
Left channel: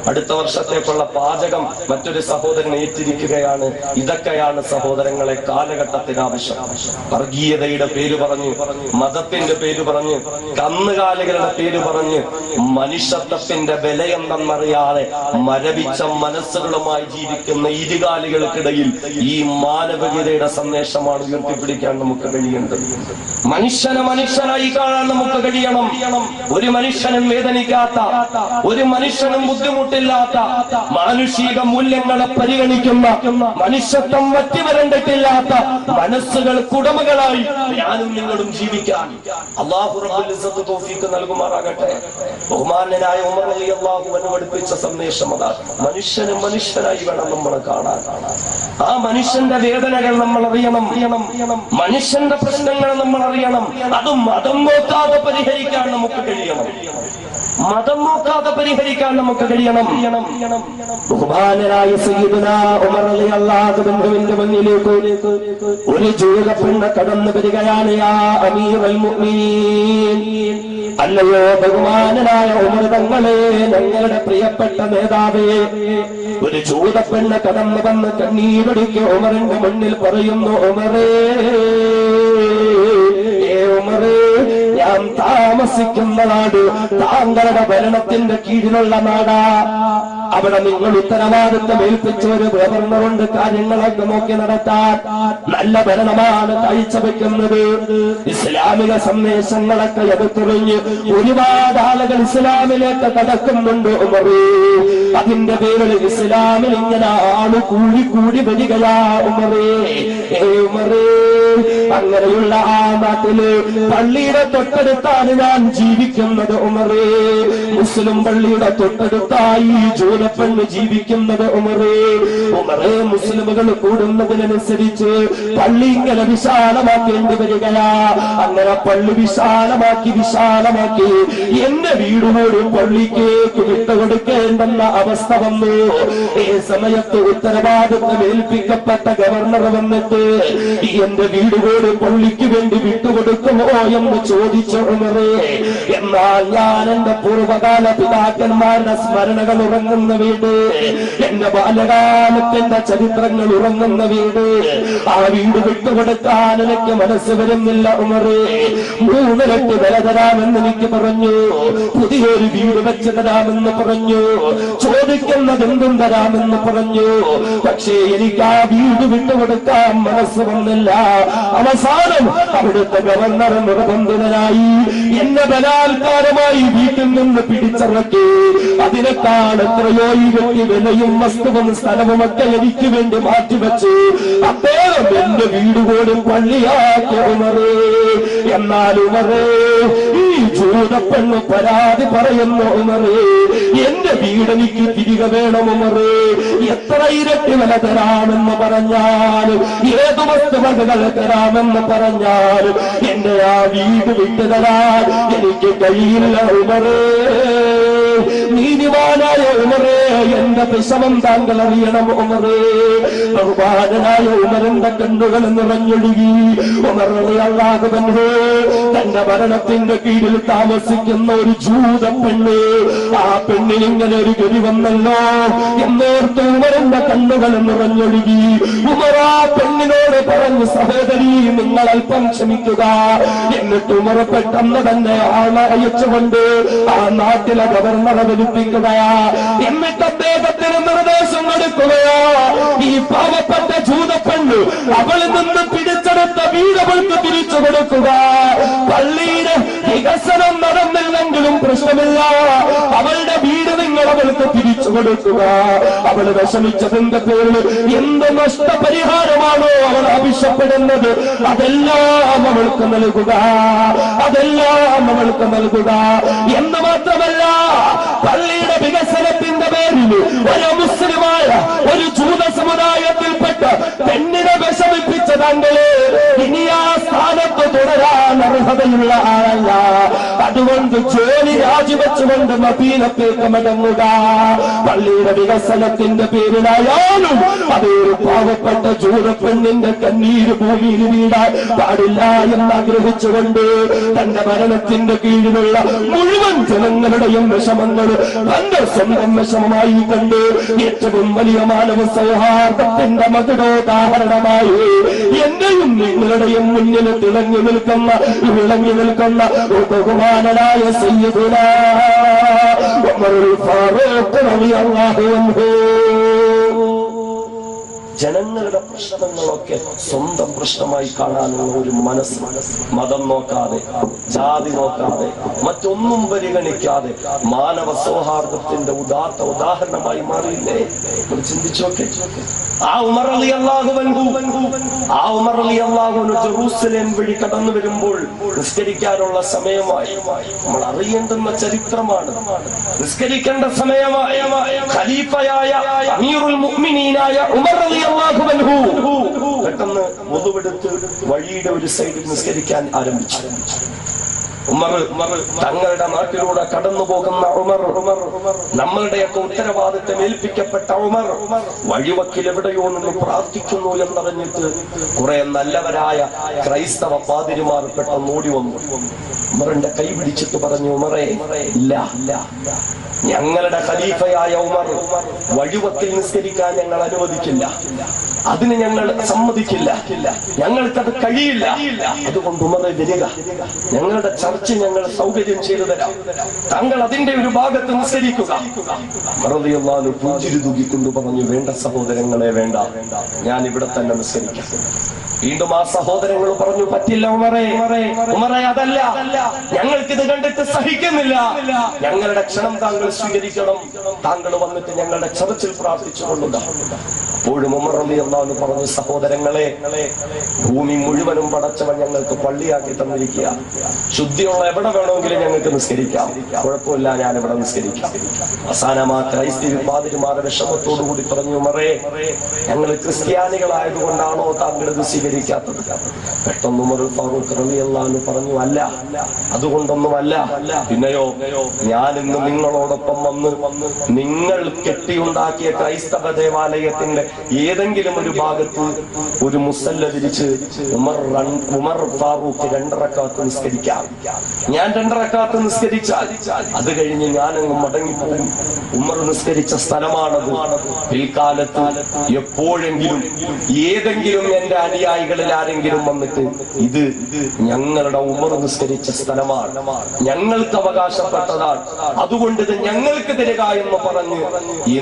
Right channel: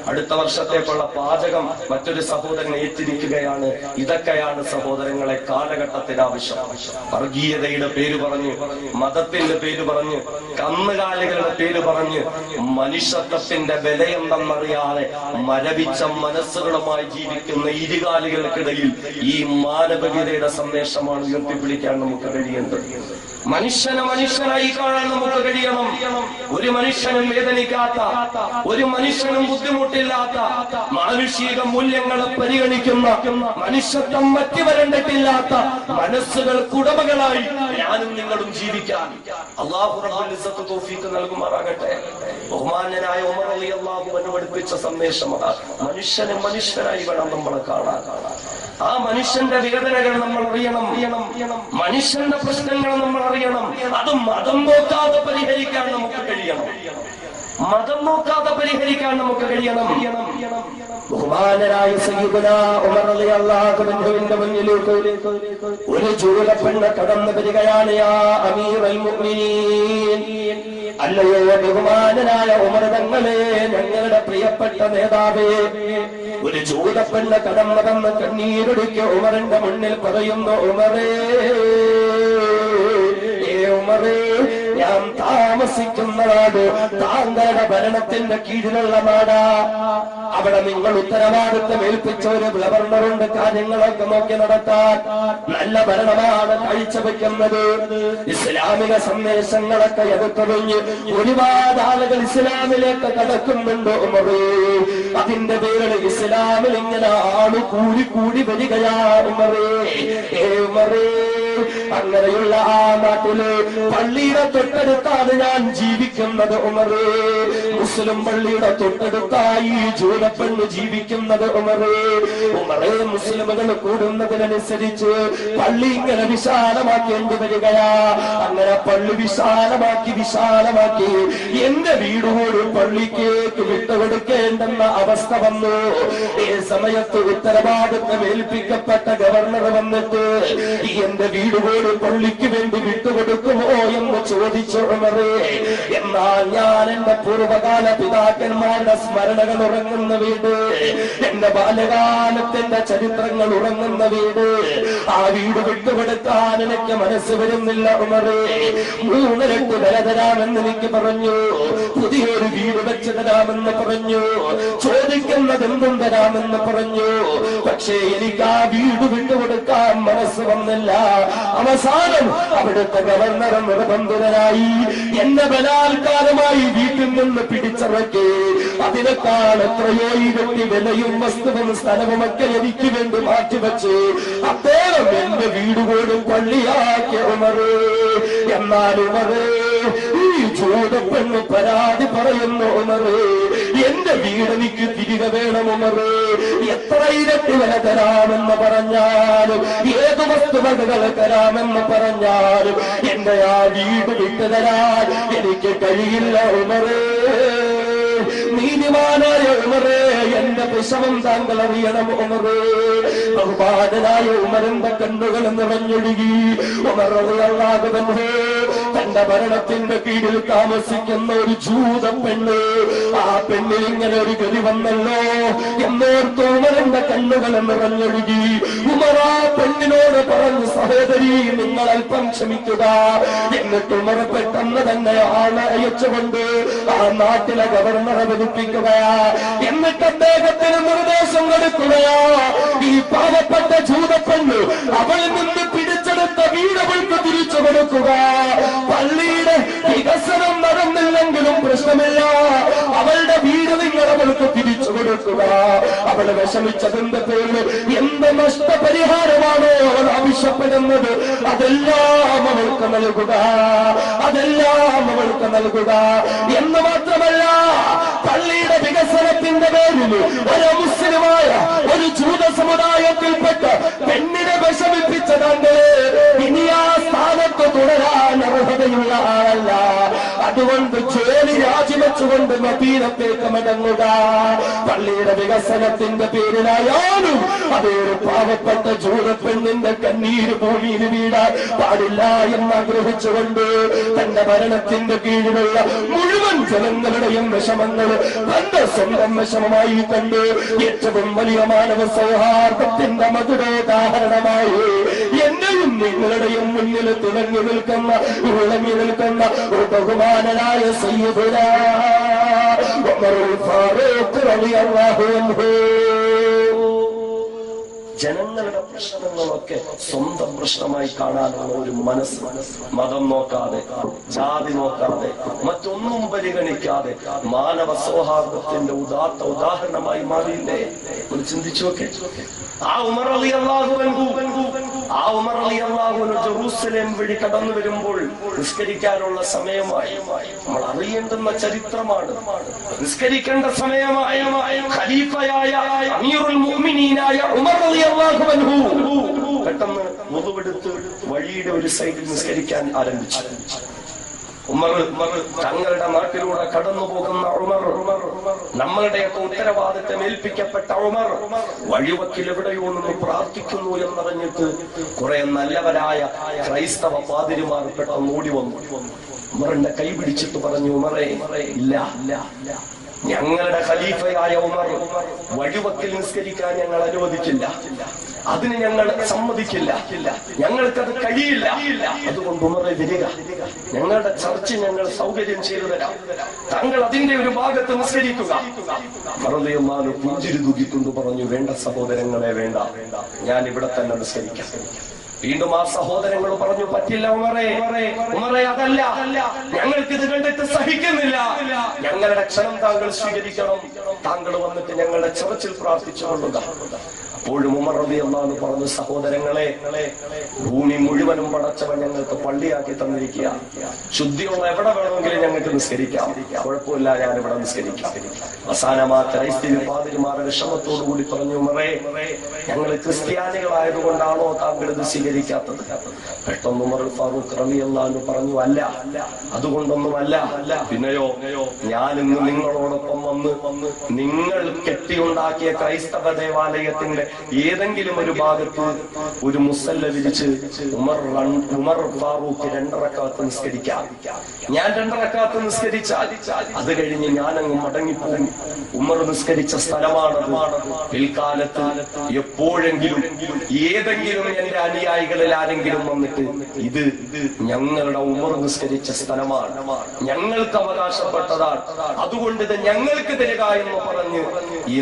അടുത്ത വർഷത്തേക്കുള്ള പാചകം മറ്റൊരു സഹോദരൻ ഏറ്റിരിക്കുകയാണ്. ഇതൊക്കെയാണ് സഹോദരങ്ങളെ കാലഘട്ടത്തിന് ആവശ്യം. വർഗീയതയുടെ പേര് പറഞ്ഞ്, മതത്തിന്റെ പേര് പറഞ്ഞ്, കന്നുകാലികളുടെ പേര് പറഞ്ഞ്, മനുഷ്യത്വത്തിന്റെ വിലയെന്നറിയാതെ മരവിച്ച മനസ്സുകളുമായി ജീവിക്കുന്ന ഇരുകാലികൾക്കിടയിൽ ഈ മാനവികതയുടെ സന്ദേശമാണ് ഉയർത്തിപ്പിടിക്കാൻ നമുക്ക് കഴിയേണ്ടത്. മനുഷ്യനെ മനുഷ്യനായി കാണാൻ നമുക്ക് കഴിയണം. ഒരു മനുഷ്യനും വേദനിക്കാത്ത, ഒരു മനുഷ്യനും ബുദ്ധിമുട്ടില്ലാത്ത, മാനുഷിക മൂല്യങ്ങളെ പരിഗണിക്കുന്ന, മനുഷ്യത്വം വറ്റിവരണ്ടിട്ടില്ലാത്ത മനസ്സുകൾക്ക് ഉടമകളായി ഞാനും നിങ്ങളും ജീവിക്കാൻ അല്ലാഹു റബ്ബുൽ ഇസ്സത്ത് തൗഫീഖ് നൽകുമാറാകട്ടെ. ബഹുമാനനായ ഉമർ റളിയല്ലാഹു അൻഹു പഠിപ്പിച്ച സന്ദേശം അതാണ്. മനുഷ്യനെ മനുഷ്യനായി വേണം നമ്മൾ കാണാൻ. ആ മനുഷ്യന്റെ വേദനകൾ നമ്മൾ അറിയണം, മനുഷ്യന്റെ പ്രശ്നങ്ങൾ നമ്മൾ അറിയണം. അതും മതം നോക്കാതെ പരിഹരിക്കാൻ നമുക്ക് കഴിയണം. ബഹുമാനനായ സയ്യിദുനാ ഉമർ റളിയല്ലാഹു അൻഹുവിന്റെ മുന്നിലേക്ക് ഒരു ജൂത പെണ്ണ് കടന്നു വരികയാണ്. യാ അമീറുൽ മുഅ്മിനീൻ, അല്ലയോ ബഹുമാനനായ ഉമർ തങ്ങളെ, ഞങ്ങളുടെ പ്രിയപ്പെട്ട നേതാവേ. ഒരു ജൂത പെണ്ണ് കടന്നു വന്ന് കണ്ണീരൊടുക്കി ഉമറിന്റെ മുന്നിൽ പറയുന്നു, ഉമറേ, ഞാൻ താമസിക്കുന്ന നാട് താങ്കളുടെ ഭരണത്തിന്റെ കീഴിലുള്ള നാടാ. അവിടെ നിങ്ങൾ ഉത്തരവാദിത്തം ഏൽപ്പിച്ച ഒരു ഗവർണറുണ്ട് കാര്യങ്ങളൊക്കെ നോക്കി നടത്താൻ. നല്ല ഭരണമാണ് കാഴ്ചവെക്കുന്നത്. ഇസ്ലാമിക സന്ദേശങ്ങളൊക്കെ എടുത്തുകഴിഞ്ഞ് ഒരുപാട് ആളുകൾ ഇസ്ലാമിലേക്ക് കടക്കുന്നുണ്ട് ഉമറേ. അതിന്റെ പേരിൽ ഇസ്ലാമിൽ ഇങ്ങനെ ആള് കൂടി വരികയാ ഉമറേ. ഉമറേ, അങ്ങനെയുള്ള ആ നാട്ടില് പള്ളിയുടെ തൊട്ടടുത്താണ് ഞാൻ ജീവിക്കുന്നത് ഉമറേ. മുസ്ലിം പള്ളിയുടെ തൊട്ടടുത്തായി ജൂലപ്പെണ്ണ് ജീവിക്കുന്നത് ഉമറേ. ഉമറേ, മുസ്ലിമുകൾ കൂടുന്നതിനനുസരിച്ച് പള്ളി ഇങ്ങനെ വിശാലമാക്കേണ്ടി വരികയാ. അങ്ങനെ പള്ളി വിശാലമാക്കി എന്റെ വീട് പോലും പള്ളിക്കേക്ക് വിട്ടുകൊടുക്കേണ്ടെന്ന അവസ്ഥ വന്നു. ഈ സമയത്ത് ഉത്തരവാദിത്വം ഏൽപ്പിക്കപ്പെട്ട ഗവർണർ വന്നിട്ട് എന്റെ വീട് പോലും പള്ളിക്ക് വേണ്ടി വിട്ടുകൊടുക്കുമോ എന്ന് ചോദിച്ചു ഉമറേ. എന്നാൽ ഞാൻ എന്റെ പൂർവകാല പിതാക്കന്മാരുടെ സ്മരണകൾ ഉറങ്ങുന്ന വീട്, എന്റെ ബാല്യകാലത്തിന്റെ ചരിത്രങ്ങൾ ഉറങ്ങുന്ന വീട്, ആ വീട് വിട്ടുകൊടുക്കാൻ എനിക്ക് മനസ്സ് വരുന്നില്ല ഉമറേ. 3 ലക്ഷം വില തരാമെന്ന് എനിക്ക് പറഞ്ഞു, പുതിയൊരു വീട് വെച്ച് തരാമെന്ന് പറഞ്ഞു, ചോദിക്കുന്നത് എന്തും തരാമെന്ന് പറഞ്ഞു. പക്ഷേ എനിക്ക് ആ വീട് വിട്ടുകൊടുക്കാൻ മനസ്സ് വന്നില്ല. അവസാനം അവിടുത്തെ ഗവർണർ നിർബന്ധിതനായി എന്നെ ബലാത്കാരമായി വീട്ടിൽ നിന്ന് പിടിച്ചിറക്കി. അതിനേക്കാൾ എത്രയോ ഈ വ്യക്തി വിലയും വസ്തുവും സ്ഥലവുമൊക്കെ എനിക്ക് വേണ്ടി മാറ്റിവെച്ച് അദ്ദേഹം എന്റെ വീട് പോലും പള്ളിയാക്കിയ ഉമറേ. എന്നാൽ ഉമറേ, ഈ ജൂതപ്പെണ്ണ് പരാതി പറയുന്നു ഉമറേ, എന്റെ വീട് എനിക്ക് തിരികെ വേണം ഉമറേ. എത്ര ഇരട്ടി വില തരാമെന്ന് പറഞ്ഞാലും, ഏത് വസ്തുവകകൾ തരാമെന്ന് പറഞ്ഞാലും എന്റെ ആ വീട് വിട്ടു തരാൻ എനിക്ക് കഴിയില്ല ഉമറേ. നീതിമാനായ ഉമറേ, എന്റെ വിഷമം താങ്കൾ അറിയണം ഉമറേ. ബഹുമാനനായ ഉമറിന്റെ കണ്ണുകൾ നിറഞ്ഞൊഴുകി. ഉമർ റളിയല്ലാഹു അൻഹു തന്റെ ഭരണത്തിന്റെ കീഴിൽ താമസിക്കുന്ന ഒരു ജൂത പെണ്ണ്, ആ പെണ്ണിൽ ഇങ്ങനെ ഒരു ഗതി വന്നല്ലോ എന്നോർത്ത് ഉമറിന്റെ കണ്ണുകൾ നിറഞ്ഞൊഴുകി. ഉമർ ആ പെണ്ണിനോട് പറഞ്ഞു, സഹോദരി നിങ്ങൾ അല്പം ക്ഷമിക്കുക. എന്നിട്ട് ഉമർ പെട്ടെന്ന് തന്നെ ആളെ അയച്ചുകൊണ്ട് ആ നാട്ടിലെ ഗവർണറെ വിളിപ്പിക്കുകയാ. എന്നിട്ട് അദ്ദേഹത്തിന് നിർദ്ദേശം കൊടുക്കുകയാ, ഈ പാവപ്പെട്ട ജൂതപ്പെണ്ണ് അവളിൽ നിന്ന് പിടിച്ചെടുത്ത വീട് അവൾക്ക് തിരിച്ചു കൊടുക്കുക. പള്ളിയുടെ വികസനം നടന്നില്ലെങ്കിലും പ്രശ്നമില്ല, അവളുടെ വീട് നിങ്ങൾ അവൾക്ക് തിരിച്ചു കൊടുക്കുക. അവൾ വിഷമിച്ചതിന്റെ പേരിൽ എന്ത് നഷ്ടപരിഹാരമാണോ അവൾ ആവശ്യപ്പെടുന്നത് അതെല്ലാം അവൾക്ക് നൽകുക, അതെല്ലാം അവൾക്ക് നൽകുക. എന്ന് മാത്രമല്ല, പള്ളിയുടെ വികസനത്തിന്റെ പേരിൽ ഒരു മുസ്ലിമായ ഒരു ജൂത സമുദായത്തിൽപ്പെട്ട പെണ്ണിനെ വിഷമിപ്പിച്ച താങ്കള് ഇനി ആ സ്ഥാനത്ത് തുടരാൻ അർഹതയുള്ള ആളല്ല. അതുകൊണ്ട് ജോലി രാജിവെച്ചുകൊണ്ട് മദീനത്തേക്ക് മടങ്ങുക. പള്ളിയുടെ വികസനത്തിന്റെ പേരിലായാലും അതൊരു പാവപ്പെട്ട ജൂത പെണ്ണിന്റെ കണ്ണീര് ഭൂമിയിൽ വീഴാൻ പാടില്ല എന്നാഗ്രഹിച്ചുകൊണ്ട് തന്റെ ഭരണത്തിന്റെ കീഴിലുള്ള മുഴുവൻ ജനങ്ങളുടെയും വിഷമങ്ങൾ തന്റെ സ്വന്തം വിഷമമായി കണ്ട് ഏറ്റവും വലിയ മാനവ സൗഹാർദ്ദത്തിന്റെ മധുരോദാഹരണമായി എന്റെയും നിങ്ങളുടെയും മുന്നിൽ തിളങ്ങി നിൽക്കുന്ന വിളങ്ങി നിൽക്കുന്ന ബഹുമാനനായ സയ്യിദുനാ ഉമറുൽ ഫാറൂഖ് റളിയല്ലാഹു അൻഹു ജനങ്ങളുടെ പ്രശ്നങ്ങളൊക്കെ സ്വന്തം പ്രശ്നമായി കാണാനുള്ള ഒരു മനസ്സ്, മതം നോക്കാതെ, ജാതി നോക്കാതെ, മറ്റൊന്നും പരിഗണിക്കാതെ മാനവ സൗഹാർദ്ദത്തിന്റെ ഉദാത്ത ഉദാഹരണമായി മാറിയില്ലേ? ഒന്ന് ചിന്തിച്ചു നോക്കെ. ആ ഉമർ റളിയല്ലാഹു അൻഹു ജെറൂസലേം വഴി കടന്നു വരുമ്പോൾ നിസ്കരിക്കാനുള്ള സമയമായി. നമ്മൾ അറിയേണ്ടുന്ന ചരിത്രമാണ്. നിസ്കരിക്കേണ്ട സമയമായ ഖലീഫയായ അമീറുൽ മുഅ്മിനീനായ ഉമർ റളിയല്ലാഹു അൻഹു പെട്ടെന്ന് വുദുവെടുത്ത് വഴിയുടെ ഒരു സൈഡിൽ നിസ്കരിക്കാൻ ആരംഭിച്ചു. ഉമർ തങ്ങളുടെ നാട്ടിലൂടെ കടന്നു പോകുന്ന ഉമർ, നമ്മളുടെയൊക്കെ ഉത്തരവാദിത്തം ഏൽപ്പിക്കപ്പെട്ട ഉമർ വഴിവക്കിൽ എവിടെയോ നിന്ന് പ്രാർത്ഥിക്കുന്നു എന്നറിഞ്ഞിട്ട് കുറെ നല്ലവരായ ക്രൈസ്തവ പാതിരിമാർ പെട്ടെന്ന് ഓടി വന്നു. ഉമറിന്റെ കൈ പിടിച്ചിട്ട് പറഞ്ഞു, ഉമറേ, ഇല്ല, ഞങ്ങളുടെ ഖലീഫയായ ഉമർ വഴിവക്കിൽ നിസ്കരിക്കാൻ ഞങ്ങൾ അനുവദിക്കില്ല, അതിന് ഞങ്ങൾ സമ്മതിക്കില്ല, ഞങ്ങൾക്കത് കഴിയില്ല. അതുകൊണ്ട് ഉമറെ വരിക, ഞങ്ങളുടെ ചർച്ച ഞങ്ങൾ സൗകര്യം ചെയ്തു തരാം, താങ്കൾ അതിന്റെ ഒരു ഭാഗത്ത് നിസ്കരിക്കുക. റളിയല്ലാഹു പുഞ്ചിരി തൂക്കിക്കൊണ്ട് പറഞ്ഞു, വേണ്ട സഹോദരങ്ങളെ, വേണ്ട, ഞാൻ ഇവിടെ തന്നെ നിസ്കരിക്കാം. വീണ്ടും ആ സഹോദരങ്ങൾ പറഞ്ഞു, പറ്റില്ല ഉമറേ, അതല്ല, ഞങ്ങൾക്കിത് കണ്ടിട്ട് സഹിക്കുന്നില്ല, ഞങ്ങളുടെ ക്ഷണം താങ്കൾ സ്വീകരിക്കണം, താങ്കൾ വന്നിട്ട് ഞങ്ങളുടെ ചർച്ചിൽ പ്രാർത്ഥിച്ചു കൊള്ളുക. അപ്പോഴും ഉമർ റളിയല്ലാഹു പറഞ്ഞു, സഹോദരങ്ങളെ, ഭൂമി മുഴുവനും പടച്ചവൻ ഞങ്ങൾക്ക് പള്ളിയാക്കി തന്നിരിക്കുക, ശുദ്ധിയുള്ള എവിടെ വേണമെങ്കിലും ഞങ്ങൾക്ക് നിസ്കരിക്കാം, കുഴപ്പമില്ല, ഞാൻ ഇവിടെ നിസ്കരിക്കാം. അവസാനമാ ക്രൈസ്തവ പാതിരിമാരുടെ വിഷമത്തോടു കൂടി പറഞ്ഞു, ഉമറേ, ഞങ്ങൾ ക്രിസ്ത്യാനികളായതുകൊണ്ടാണോ താങ്കൾ ഇത് സ്വീകരിക്കാത്തത്? പെട്ടെന്ന് ഉമർ ഫാറൂഖ് റളിയല്ലാഹു പറഞ്ഞു, അല്ല, അതുകൊണ്ടൊന്നുമല്ല, പിന്നെയോ, ഞാൻ ഇന്ന് നിങ്ങളോടൊപ്പം വന്ന് നിങ്ങൾ കെട്ടിയുണ്ടാക്കിയ ക്രൈസ്തവ ദേവാലയത്തിന്റെ ഏതെങ്കിലും ഒരു ഭാഗത്ത് ഒരു മുസല്ല വിരിച്ച് ഉമർ ഫാറൂഖ് 2 റക്അത്ത് നിസ്കരിക്കാം. ഞാൻ 2 റക്അത്ത് നിസ്കരിച്ചാൽ അത് കഴിഞ്ഞ് ഞാനങ്ങ് മടങ്ങിപ്പോകും. ഉമർ നിസ്കരിച്ച സ്ഥലമാണത്. പിൽക്കാലത്ത് എപ്പോഴെങ്കിലും ഏതെങ്കിലും എന്റെ അനുയായികളിൽ ആരെങ്കിലും വന്നിട്ട് ഇത് ഞങ്ങളുടെ ഉമർ നിസ്കരിച്ച സ്ഥലമാണ്, ഞങ്ങൾക്ക് അവകാശപ്പെട്ടതാണ്, അതുകൊണ്ട് ഇത് ഞങ്ങൾക്ക് തരിക എന്ന് പറഞ്ഞ്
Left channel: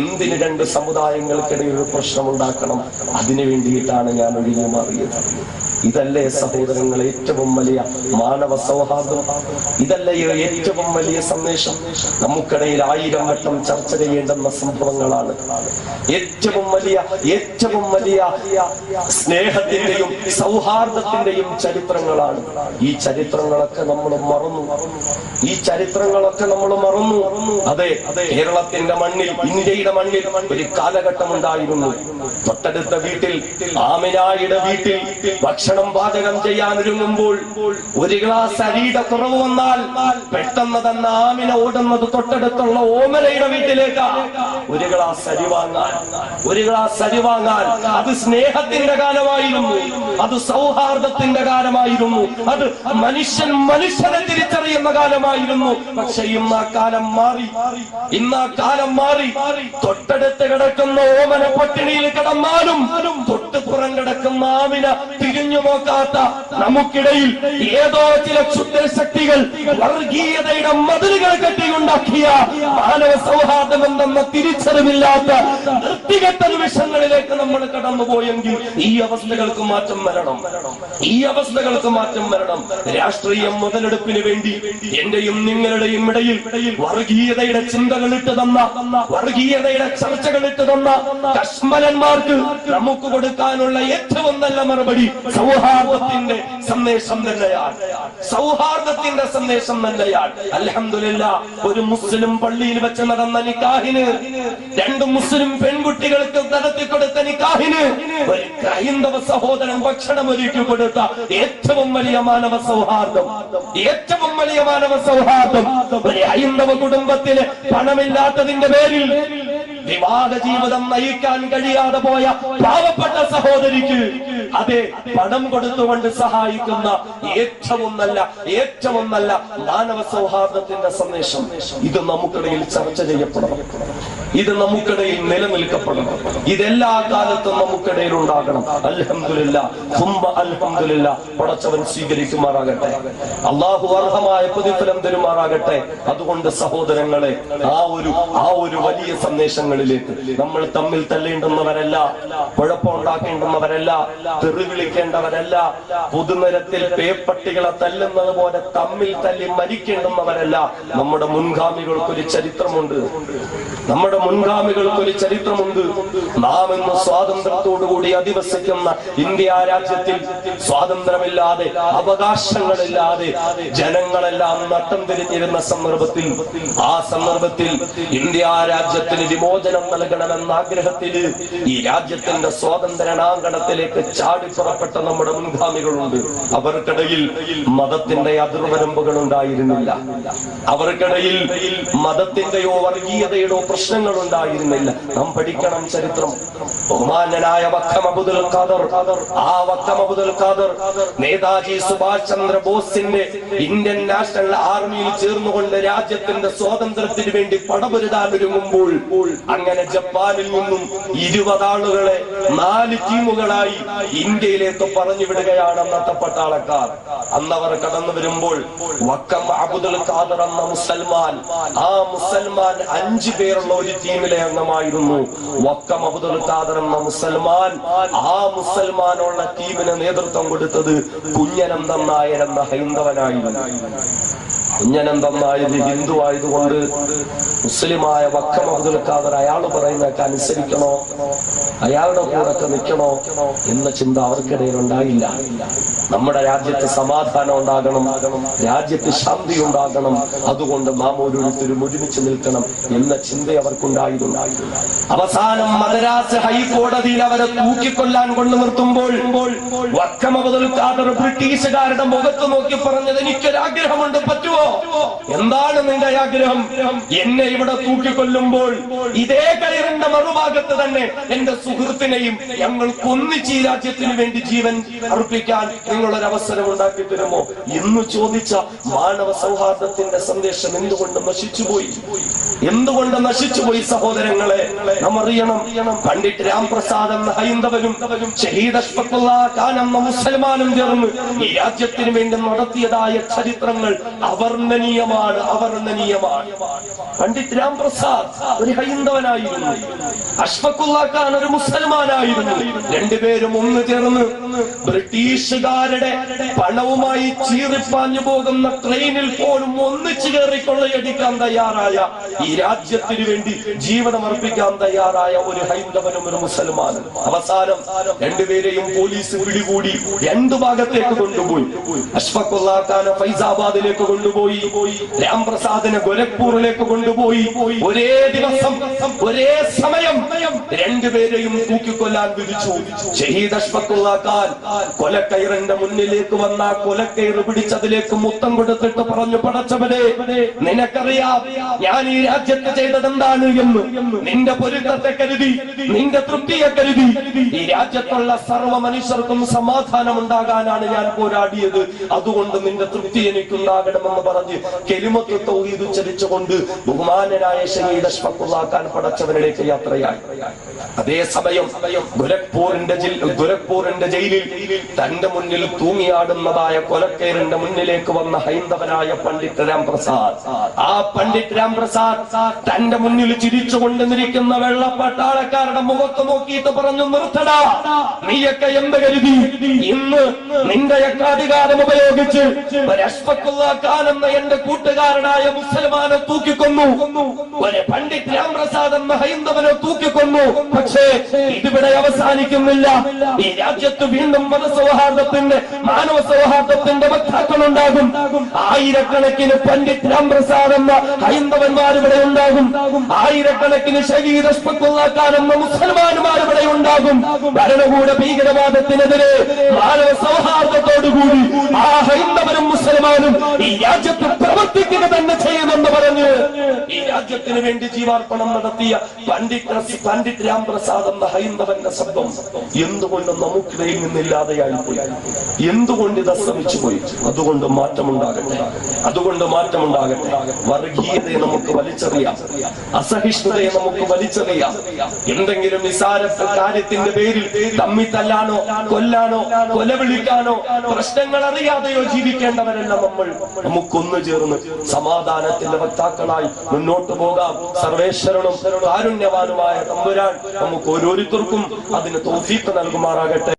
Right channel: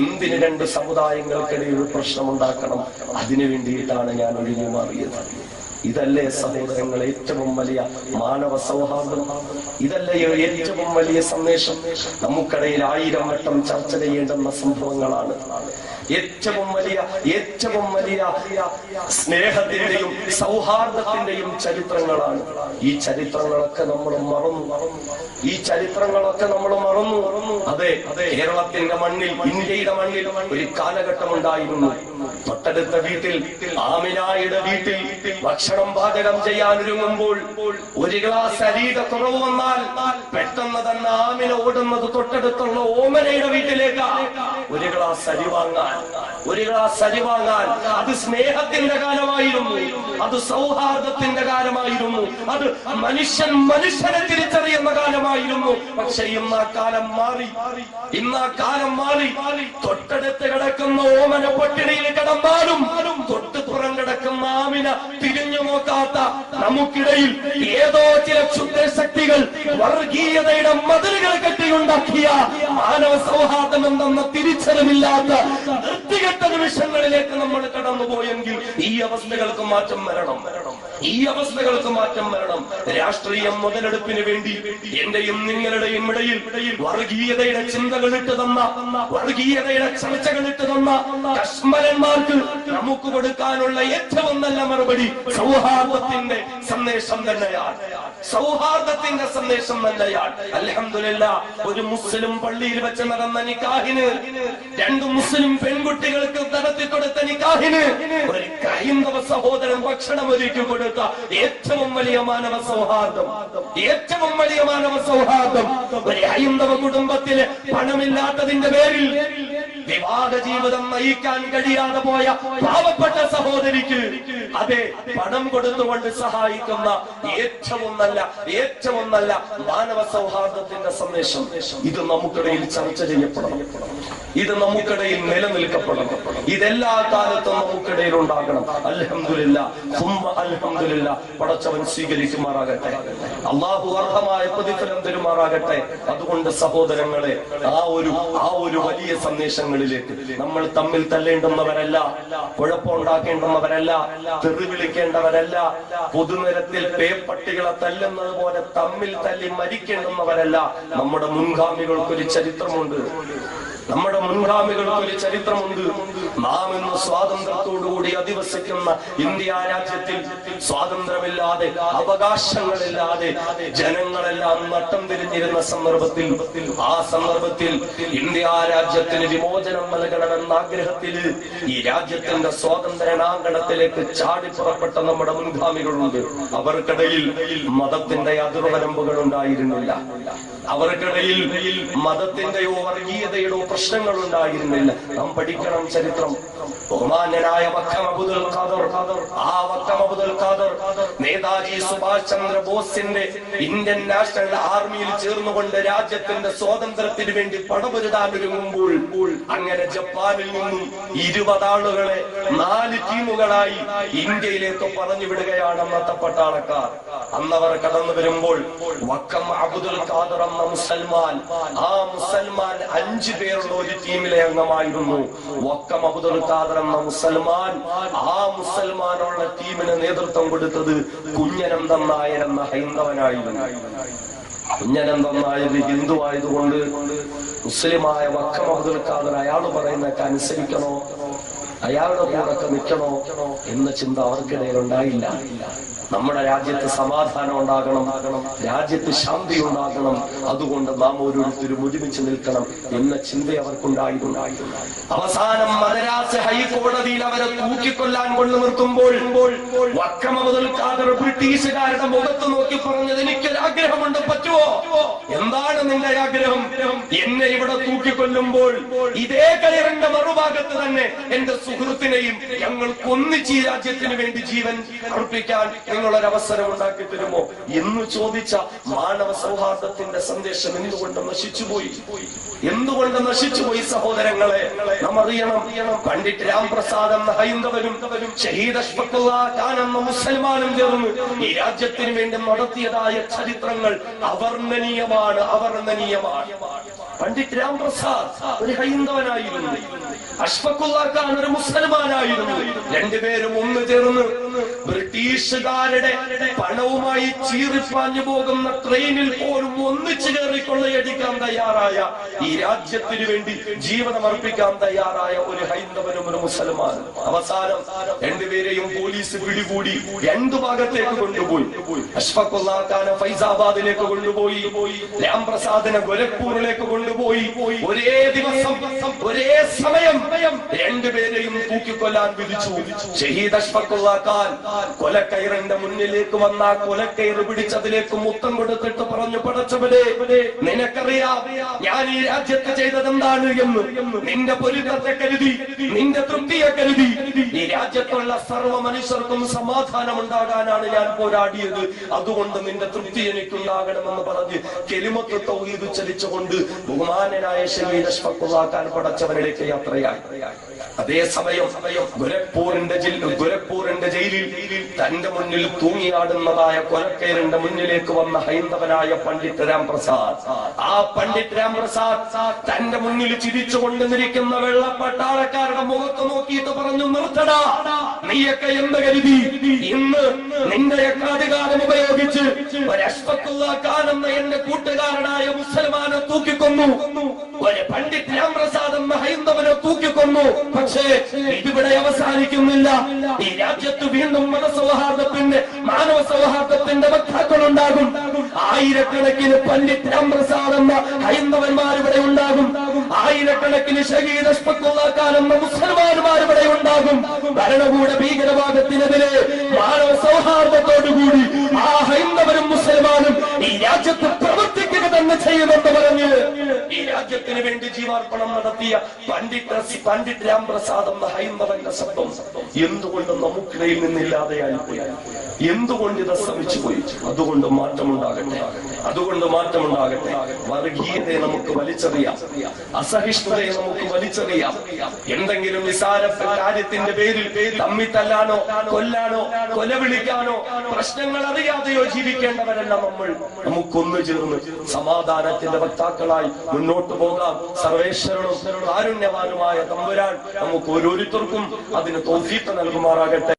എന്തിന് 2 സമുദായങ്ങൾക്കിടയിൽ പ്രശ്നമുണ്ടാക്കണം? അതിനു വേണ്ടിയിട്ടാണ് ഞാൻ ഒഴിഞ്ഞു മാറിയത്. ഇതല്ലേ സഹോദരങ്ങൾ ഏറ്റവും വലിയ മാനവ സൗഹാർദ്ദം? ഇതല്ലേ ഏറ്റവും വലിയ സന്ദേശം? നമുക്കിടയിൽ 1000 വട്ടം ചർച്ച ചെയ്യേണ്ടുന്ന സംഭവങ്ങളാണ്. ഏറ്റവും വലിയ സ്നേഹത്തിന്റെയും സൗഹാർദ്ദത്തിന്റെയും ചരിത്രങ്ങളാണ്. ഈ ചരിത്രങ്ങളൊക്കെ നമ്മൾ മറന്നു. അതെ, കേരളത്തിന്റെ മണ്ണിൽ, ഇന്ത്യയുടെ മണ്ണിൽ ഒരു കാലഘട്ടം ഉണ്ടായിരുന്നു. തൊട്ടടുത്ത വീട്ടിൽ, ആമിനായുടെ വീട്ടിൽ ഭക്ഷണം പാചകം ചെയ്യാൻ ഒരുങ്ങുമ്പോൾ ഒരു ഗ്ലാസ് അരിയുടെ കുറവ് വന്നാൽ പെട്ടെന്ന് തന്നെ ആമിന ഓടുന്നത് തൊട്ടടുത്തുള്ള ഓമനയുടെ വീട്ടിലേക്ക് ഒരു ഗ്ലാസ് അരി വാങ്ങാൻ. അത് സ്നേഹത്തിന്റെ കാലമായിരുന്നു, അത് സൗഹാർദ്ദത്തിന്റെ കാലമായിരുന്നു, അത് മനുഷ്യനെ തിരിച്ചറിയുന്ന കാലമായിരുന്നു. പക്ഷെ ഇന്ന് ആ കാലം മാറി. തൊട്ടടുത്ത് കിടക്കുന്ന ഓമന പട്ടിണിയിൽ കിടന്നാലും തൊട്ടുപുറം കിടക്കുന്ന ആമിന തിരിഞ്ഞു നോക്കാത്ത നമുക്കിടയിൽ ഏതോ ചില ക്ഷുദ്രശക്തികൾ വർഗീയതയുടെ മതിലുകൾ കെട്ടിക്കൊണ്ടാക്കിയ മാനവ സൗഹാർദ്ദം എന്തെന്ന തിരിച്ചറിവില്ലാത്ത വൃത്തികെട്ട നിമിഷങ്ങളിലേക്ക് നമ്മൾ കടന്നുപോയെങ്കിൽ ഈ അവസ്ഥകൾക്ക് മാറ്റം വരണം. രാഷ്ട്രീയം മുതലെടുപ്പിന് വേണ്ടി എന്റെയും നിങ്ങളുടെയും ഇടയിൽ വർഗീയതയുടെ ചിന്തകളിട്ട് തന്ന, വർഗീയതയുടെ ചർച്ചകളിട്ട് തന്ന കശ്മലന്മാർക്ക് നമുക്ക് കൊടുക്കാനുള്ള ഏറ്റവും നല്ല മറുപടി സൗഹാർദ്ദത്തിന്റെ സന്ദേശം തന്നെയാണ്. അൽഹംദുലില്ലാഹ്, ഒരു മുസ്ലിം പള്ളിയിൽ വെച്ച് നടന്ന നിക്കാഹിന്, 2 മുസ്ലിം പെൺകുട്ടികൾക്ക് നടത്തിക്കൊടുത്ത നിക്കാഹിന് ഒരു ഹൈന്ദവ സഹോദരൻ ഭക്ഷണം ഒരുക്കി കൊടുത്ത ഏറ്റവും വലിയ മാനവ സൗഹാർദ്ദം. ഒരു ഹൈന്ദവ കുടുംബത്തിന് പണമില്ലാത്തതിന്റെ പേരിൽ വിവാഹ ജീവിതം നയിക്കാൻ കഴിയാതെ പോയ പാവപ്പെട്ട സഹോദരിക്ക് അതെ പണം കൊടുത്തുകൊണ്ട് സഹായിക്കുന്ന ഏറ്റവും നല്ല മാനവ സൗഹാർദ്ദത്തിന്റെ സന്ദേശം ഇത് നമുക്കിടയിൽ ചർച്ച ചെയ്യപ്പെടണം, ഇത് നമുക്കിടയിൽ നിലനിൽക്കപ്പെടണം, ഇതെല്ലാ കാലത്തും നമുക്കിടയിൽ ഉണ്ടാകണം. അൽഹംദുലില്ലാഹ്, അൽഹംദുലില്ലാഹ്. പടച്ചവൻ സ്വീകരിക്കുമാറാകട്ടെ, അള്ളാഹു അർഹമായ പ്രതിഫലം തരുമാറാകട്ടെ. അതുകൊണ്ട് സഹോദരങ്ങളെ, ആ ഒരു വലിയ സന്ദേശങ്ങളിലേക്ക് നമ്മൾ തമ്മിൽ തല്ലേണ്ടുന്നവരല്ല, കുഴപ്പമുണ്ടാക്കേണ്ടുന്നവരല്ല, തെറി വിളിക്കേണ്ടവരല്ല, പൊതുനിരത്തിൽ പേപ്പട്ടികളെ തല്ലുന്നത് പോലെ തമ്മിൽ തല്ലി മരിക്കേണ്ടുന്നവരല്ല. നമ്മുടെ മുൻഗാമികൾക്കൊരു ചരിത്രമുണ്ട്. നാം ഇന്ന് സ്വാതന്ത്ര്യത്തോടുകൂടി അധിവസിക്കുന്ന ഇന്ത്യ രാജ്യത്തിൽ സ്വാതന്ത്ര്യമില്ലാതെ, അവകാശങ്ങളില്ലാതെ ജനങ്ങളെല്ലാം നട്ടം തിരിഞ്ഞിരുന്ന സന്ദർഭത്തിൽ, ആ സന്ദർഭത്തിൽ ഇന്ത്യ രാജ്യത്തിന് വിമോചനം നൽകണമെന്ന ആഗ്രഹത്തിൽ ഈ രാജ്യത്തിന്റെ സ്വാതന്ത്ര്യാങ്കണത്തിലേക്ക് ചാടി പുറപ്പെട്ട നമ്മുടെ മുൻഗാമികളുണ്ട്. അവർക്കിടയിൽ മതത്തിന്റെ അതിർവരമ്പുകൾ ഉണ്ടായിരുന്നില്ല, അവർക്കിടയിൽ മതത്തിന്റെയോ വർഗീയതയുടെയോ പ്രശ്നങ്ങൾ ഉണ്ടായിരുന്നില്ല. നാം പഠിക്കണം ചരിത്രം. ബഹുമാന്യനായ വക്കം അബ്ദുൽ ഖാദർ നേതാജി സുഭാഷ് ചന്ദ്ര ബോസിന്റെ ഇന്ത്യൻ നാഷണൽ ആർമിയിൽ ചേർന്നുകൊണ്ട് രാജ്യത്തിന്റെ സ്വാതന്ത്ര്യത്തിന് വേണ്ടി പടപൊരുതാൻ ഒരുങ്ങുമ്പോൾ അങ്ങനെ ജപ്പാനിൽ നിന്നും 20 ആളുകളെ 4 ടീമുകളായി ഇന്ത്യയിലേക്ക് പറഞ്ഞു വിടുകയാണ് അന്നത്തെ പട്ടാളക്കാർ. അന്നവർ കടന്നു വരുമ്പോൾ വക്കം അബ്ദുൽ ഖാദർ എന്ന മുസൽമാൻ, ആ മുസൽമാൻ 5 പേരുള്ള ഒരു ടീമിലെ അംഗമായിരുന്നു. വക്കം അബ്ദുൽ ഖാദർ എന്ന മുസൽമാൻ, ആ മുസൽമാനുള്ള ടീമിന് നേതൃത്വം കൊടുത്തത് കുഞ്ഞനന്തം നായർ എന്ന ഹൈന്ദവനായിരുന്നു. കുഞ്ഞനന്തം നായർ ഹിന്ദു ആയതുകൊണ്ട് മുസ്ലിമായ വക്കം അബ്ദുൽ ഖാദർ അയാൾ പറയുന്നതൊക്കെ അനുസരിക്കണോ, അയാളുടെ കൂടെ നിൽക്കണോ എന്ന ചിന്ത അവർക്കിടയിൽ ഉണ്ടായില്ല. നമ്മുടെ രാജ്യത്ത് സമാധാനം ഉണ്ടാകണം, രാജ്യത്ത് ശാന്തി ഉണ്ടാകണം, അതുകൊണ്ട് നാം ഓരോരുത്തരും ഒരുമിച്ച് നിൽക്കണം എന്ന ചിന്ത അവർക്കുണ്ടായിരുന്നു. അവസാനം മദ്രാസ് ഹൈക്കോടതിയിൽ അവരെ തൂക്കിക്കൊല്ലാൻ കൊണ്ടു നിർത്തുമ്പോൾ വക്കം അബ്ദുൽ ഖാദർ ബ്രിട്ടീഷുകാരുടെ മുഖത്ത് നോക്കി പറഞ്ഞത്, എനിക്കൊരാഗ്രഹമുണ്ട്, പറ്റുമോ? എന്താണ് നിന്റെ ആഗ്രഹം? എന്നെ ഇവിടെ തൂക്കിക്കൊല്ലുമ്പോൾ ഇതേ കയറിന്റെ മറുഭാഗത്ത് തന്നെ എന്റെ സുഹൃത്തിനെയും ഞങ്ങൾക്ക് ഒന്നിച്ച് ഈ രാജ്യത്തിന് വേണ്ടി ജീവൻ അർപ്പിക്കാൻ നിങ്ങളൊരവസരം ഉണ്ടാക്കി തരുമോ എന്ന് ചോദിച്ച മാനവ സൗഹാർദ്ദത്തിന്റെ സന്ദേശം എന്തുകൊണ്ട് നശിച്ചുപോയി സഹോദരങ്ങളെ? നാം അറിയണം, പണ്ഡിറ്റ് രാംപ്രസാദ് എന്ന ഹൈന്ദവനും ഷഹീദ് അഷ്ഫഖുല്ലാ ഖാൻ എന്ന മുസൽമാനും ചേർന്ന് ഈ രാജ്യത്തിന് വേണ്ടി നടത്തിയതായ ചരിത്രങ്ങൾ അവർണ്ണനീയമാണ്. പണ്ഡിറ്റ് രാംപ്രസാദ് ഒരു ഹൈന്ദവനായിരുന്നു, അഷ്ഫഖുല്ലാ ഖാൻ ഒരു മുസൽമാനായിരുന്നു. രണ്ടുപേരും ഒന്ന് ചേർന്ന് ബ്രിട്ടീഷുകാരുടെ പണവുമായി ചീറിപ്പാഞ്ഞു പോകുന്ന ട്രെയിനിൽ പോലും ഒന്നിച്ചു കയറി കൊള്ളയടിക്കാൻ തയ്യാറായ, ഈ രാജ്യത്തിന് വേണ്ടി ജീവിതം അർപ്പിക്കാൻ തയ്യാറായ ഒരു ഹൈന്ദവനും ഒരു മുസൽമാനും. അവസാനം രണ്ടുപേരെയും പോലീസ് പിടികൂടി 2 ഭാഗത്തേക്ക് കൊണ്ടുപോയി. അഷ്ഫഖുല്ലാ ഖാനെ ഫൈസാബാദിലേക്ക് കൊണ്ടുപോയി, രാംപ്രസാദിനെ ഗോരഖ്പൂരിലേക്ക് കൊണ്ടുപോയി. ഒരേ ദിവസം ഒരേ സമയം രണ്ടുപേരെയും തൂക്കിക്കൊല്ലാൻ വിധിച്ചു. ഷഹീദ് അഷ്ഫഖുല്ലാ ഖാൻ കൊലക്കയറിന്റെ മുന്നിലേക്ക് വന്ന കൊലക്കയറ് പിടിച്ചതിലേക്ക് മുത്തം കൊടുത്തിട്ട് പറഞ്ഞു, പടച്ചവനെ നിനക്കറിയാം ഞാൻ ഈ രാജ്യത്ത് ചെയ്തത് എന്താണ് എന്ന്. നിന്റെ പൊരുത്തത്തെ കരുതി, നിന്റെ തൃപ്തിയെ കരുതി ഈ രാജ്യത്തുള്ള സർവ്വ മനുഷ്യർക്കും സമാധാനം ഉണ്ടാകാനാണ് ഞാൻ പോരാടിയത്. അതുകൊണ്ട് നിന്റെ തൃപ്തി എനിക്കുണ്ടാകണമെന്ന് പറഞ്ഞ് കെലിമത്ത് തൗഹീദ് ഉച്ചരിച്ചുകൊണ്ട് ബഹുമാനനായ ഷഹീദ് അഷ്ഫഖുല്ലാ ഖാൻ പടച്ചവനിലേക്ക് യാത്രയായി. അതേസമയം ഗോരഖ്പൂരിന്റെ ജയിലിൽ തന്റെ മുന്നിൽ തൂങ്ങിയാടുന്നതായ കൊലക്കയറിന്റെ മുന്നിലേക്ക് വന്ന ഹൈന്ദവനായ പണ്ഡിറ്റ് രാംപ്രസാദ്, ആ പണ്ഡിറ്റ് രാംപ്രസാദ് തന്റെ മുന്നിൽ ചിരിച്ചുകൊണ്ട് നിൽക്കുന്ന വെള്ളപ്പട്ടാളക്കാരുടെ മുഖത്ത് നോക്കിയിട്ട് പറഞ്ഞു, നിർത്തടാ, നീയൊക്കെ എന്ത് കരുതി ഇന്ന് നിന്റെയൊക്കെ അധികാരം ഉപയോഗിച്ച് അഷ്ഫഖുല്ലാ ഖാൻ എന്ന എന്റെ കൂട്ടുകാരനായ മുസൽമാനെ തൂക്കിക്കൊന്നു, ഒരു പണ്ഡിറ്റ് രാംപ്രസാദ് എന്ന ഹൈന്ദവനെ തൂക്കിക്കൊന്നു. പക്ഷേ ഇതിവിടെ അവസാനിക്കുന്നില്ല. ഈ രാജ്യത്ത് വീണ്ടും മതസൗഹാർദ്ദത്തിന്റെ, മാനവ സൗഹാർദ്ദത്തിന്റെ വക്താക്കളുണ്ടാകും. ആയിരക്കണക്കിന് പണ്ഡിറ്റ് രാംപ്രസാദ് എന്ന ഹൈന്ദവന്മാർ ഇവിടെ ഉണ്ടാകും. ആയിരക്കണക്കിന് ഷഹീദ് അഷ്ഫഖുല്ലാ ഖാൻ എന്ന മുസൽമാന്മാർ ഇവിടെ ഉണ്ടാകും. ഭരണകൂട ഭീകരവാദത്തിനെതിരെ മാനവ സൗഹാർദ്ദത്തോടുകൂടി ആ ഹൈന്ദവനും മുസൽമാനും ഈ രാജ്യത്ത് പ്രവർത്തിക്കുക തന്നെ ചെയ്യുമെന്ന് പറഞ്ഞ് ഈ രാജ്യത്തിന് വേണ്ടി ജീവാർപ്പണം നടത്തിയ പണ്ഡിറ്റ് രാംപ്രസാദ് എന്ന ഹൈന്ദവന്റെ ശബ്ദം എന്തുകൊണ്ട് നമുക്കിടയിൽ നിന്നില്ലാതെയായി പോയി? എന്തുകൊണ്ട് ഇത് അസ്തമിച്ചു പോയി? അതുകൊണ്ട് മാറ്റമുണ്ടാകട്ടെ, അതുകൊണ്ട് മാറ്റമുണ്ടാകട്ടെ. വർഗീയതയെ നമുക്ക് വലിച്ചെറിയാം, അസഹിഷ്ണുതയെ നമുക്ക് വലിച്ചെറിയാം. എന്തെങ്കിലും നിസാര കാര്യത്തിന്റെ പേരിൽ തമ്മിൽ തല്ലാനോ കൊല്ലാനോ കൊലവിളിക്കാനോ പ്രശ്നങ്ങൾ അറിയാതെയോ ജീവിക്കേണ്ടവരല്ല നമ്മൾ. നമുക്കൊന്നു ചേർന്ന് സമാധാനത്തിന്റെ വക്താക്കളായി മുന്നോട്ട് പോകാം. സർവേശ്വരനും കാരുണ്യവാനുമായ തമ്പുരാൻ നമുക്ക് ഓരോരുത്തർക്കും അതിന് തൗഫീഖ് നൽകുമാറാകട്ടെ.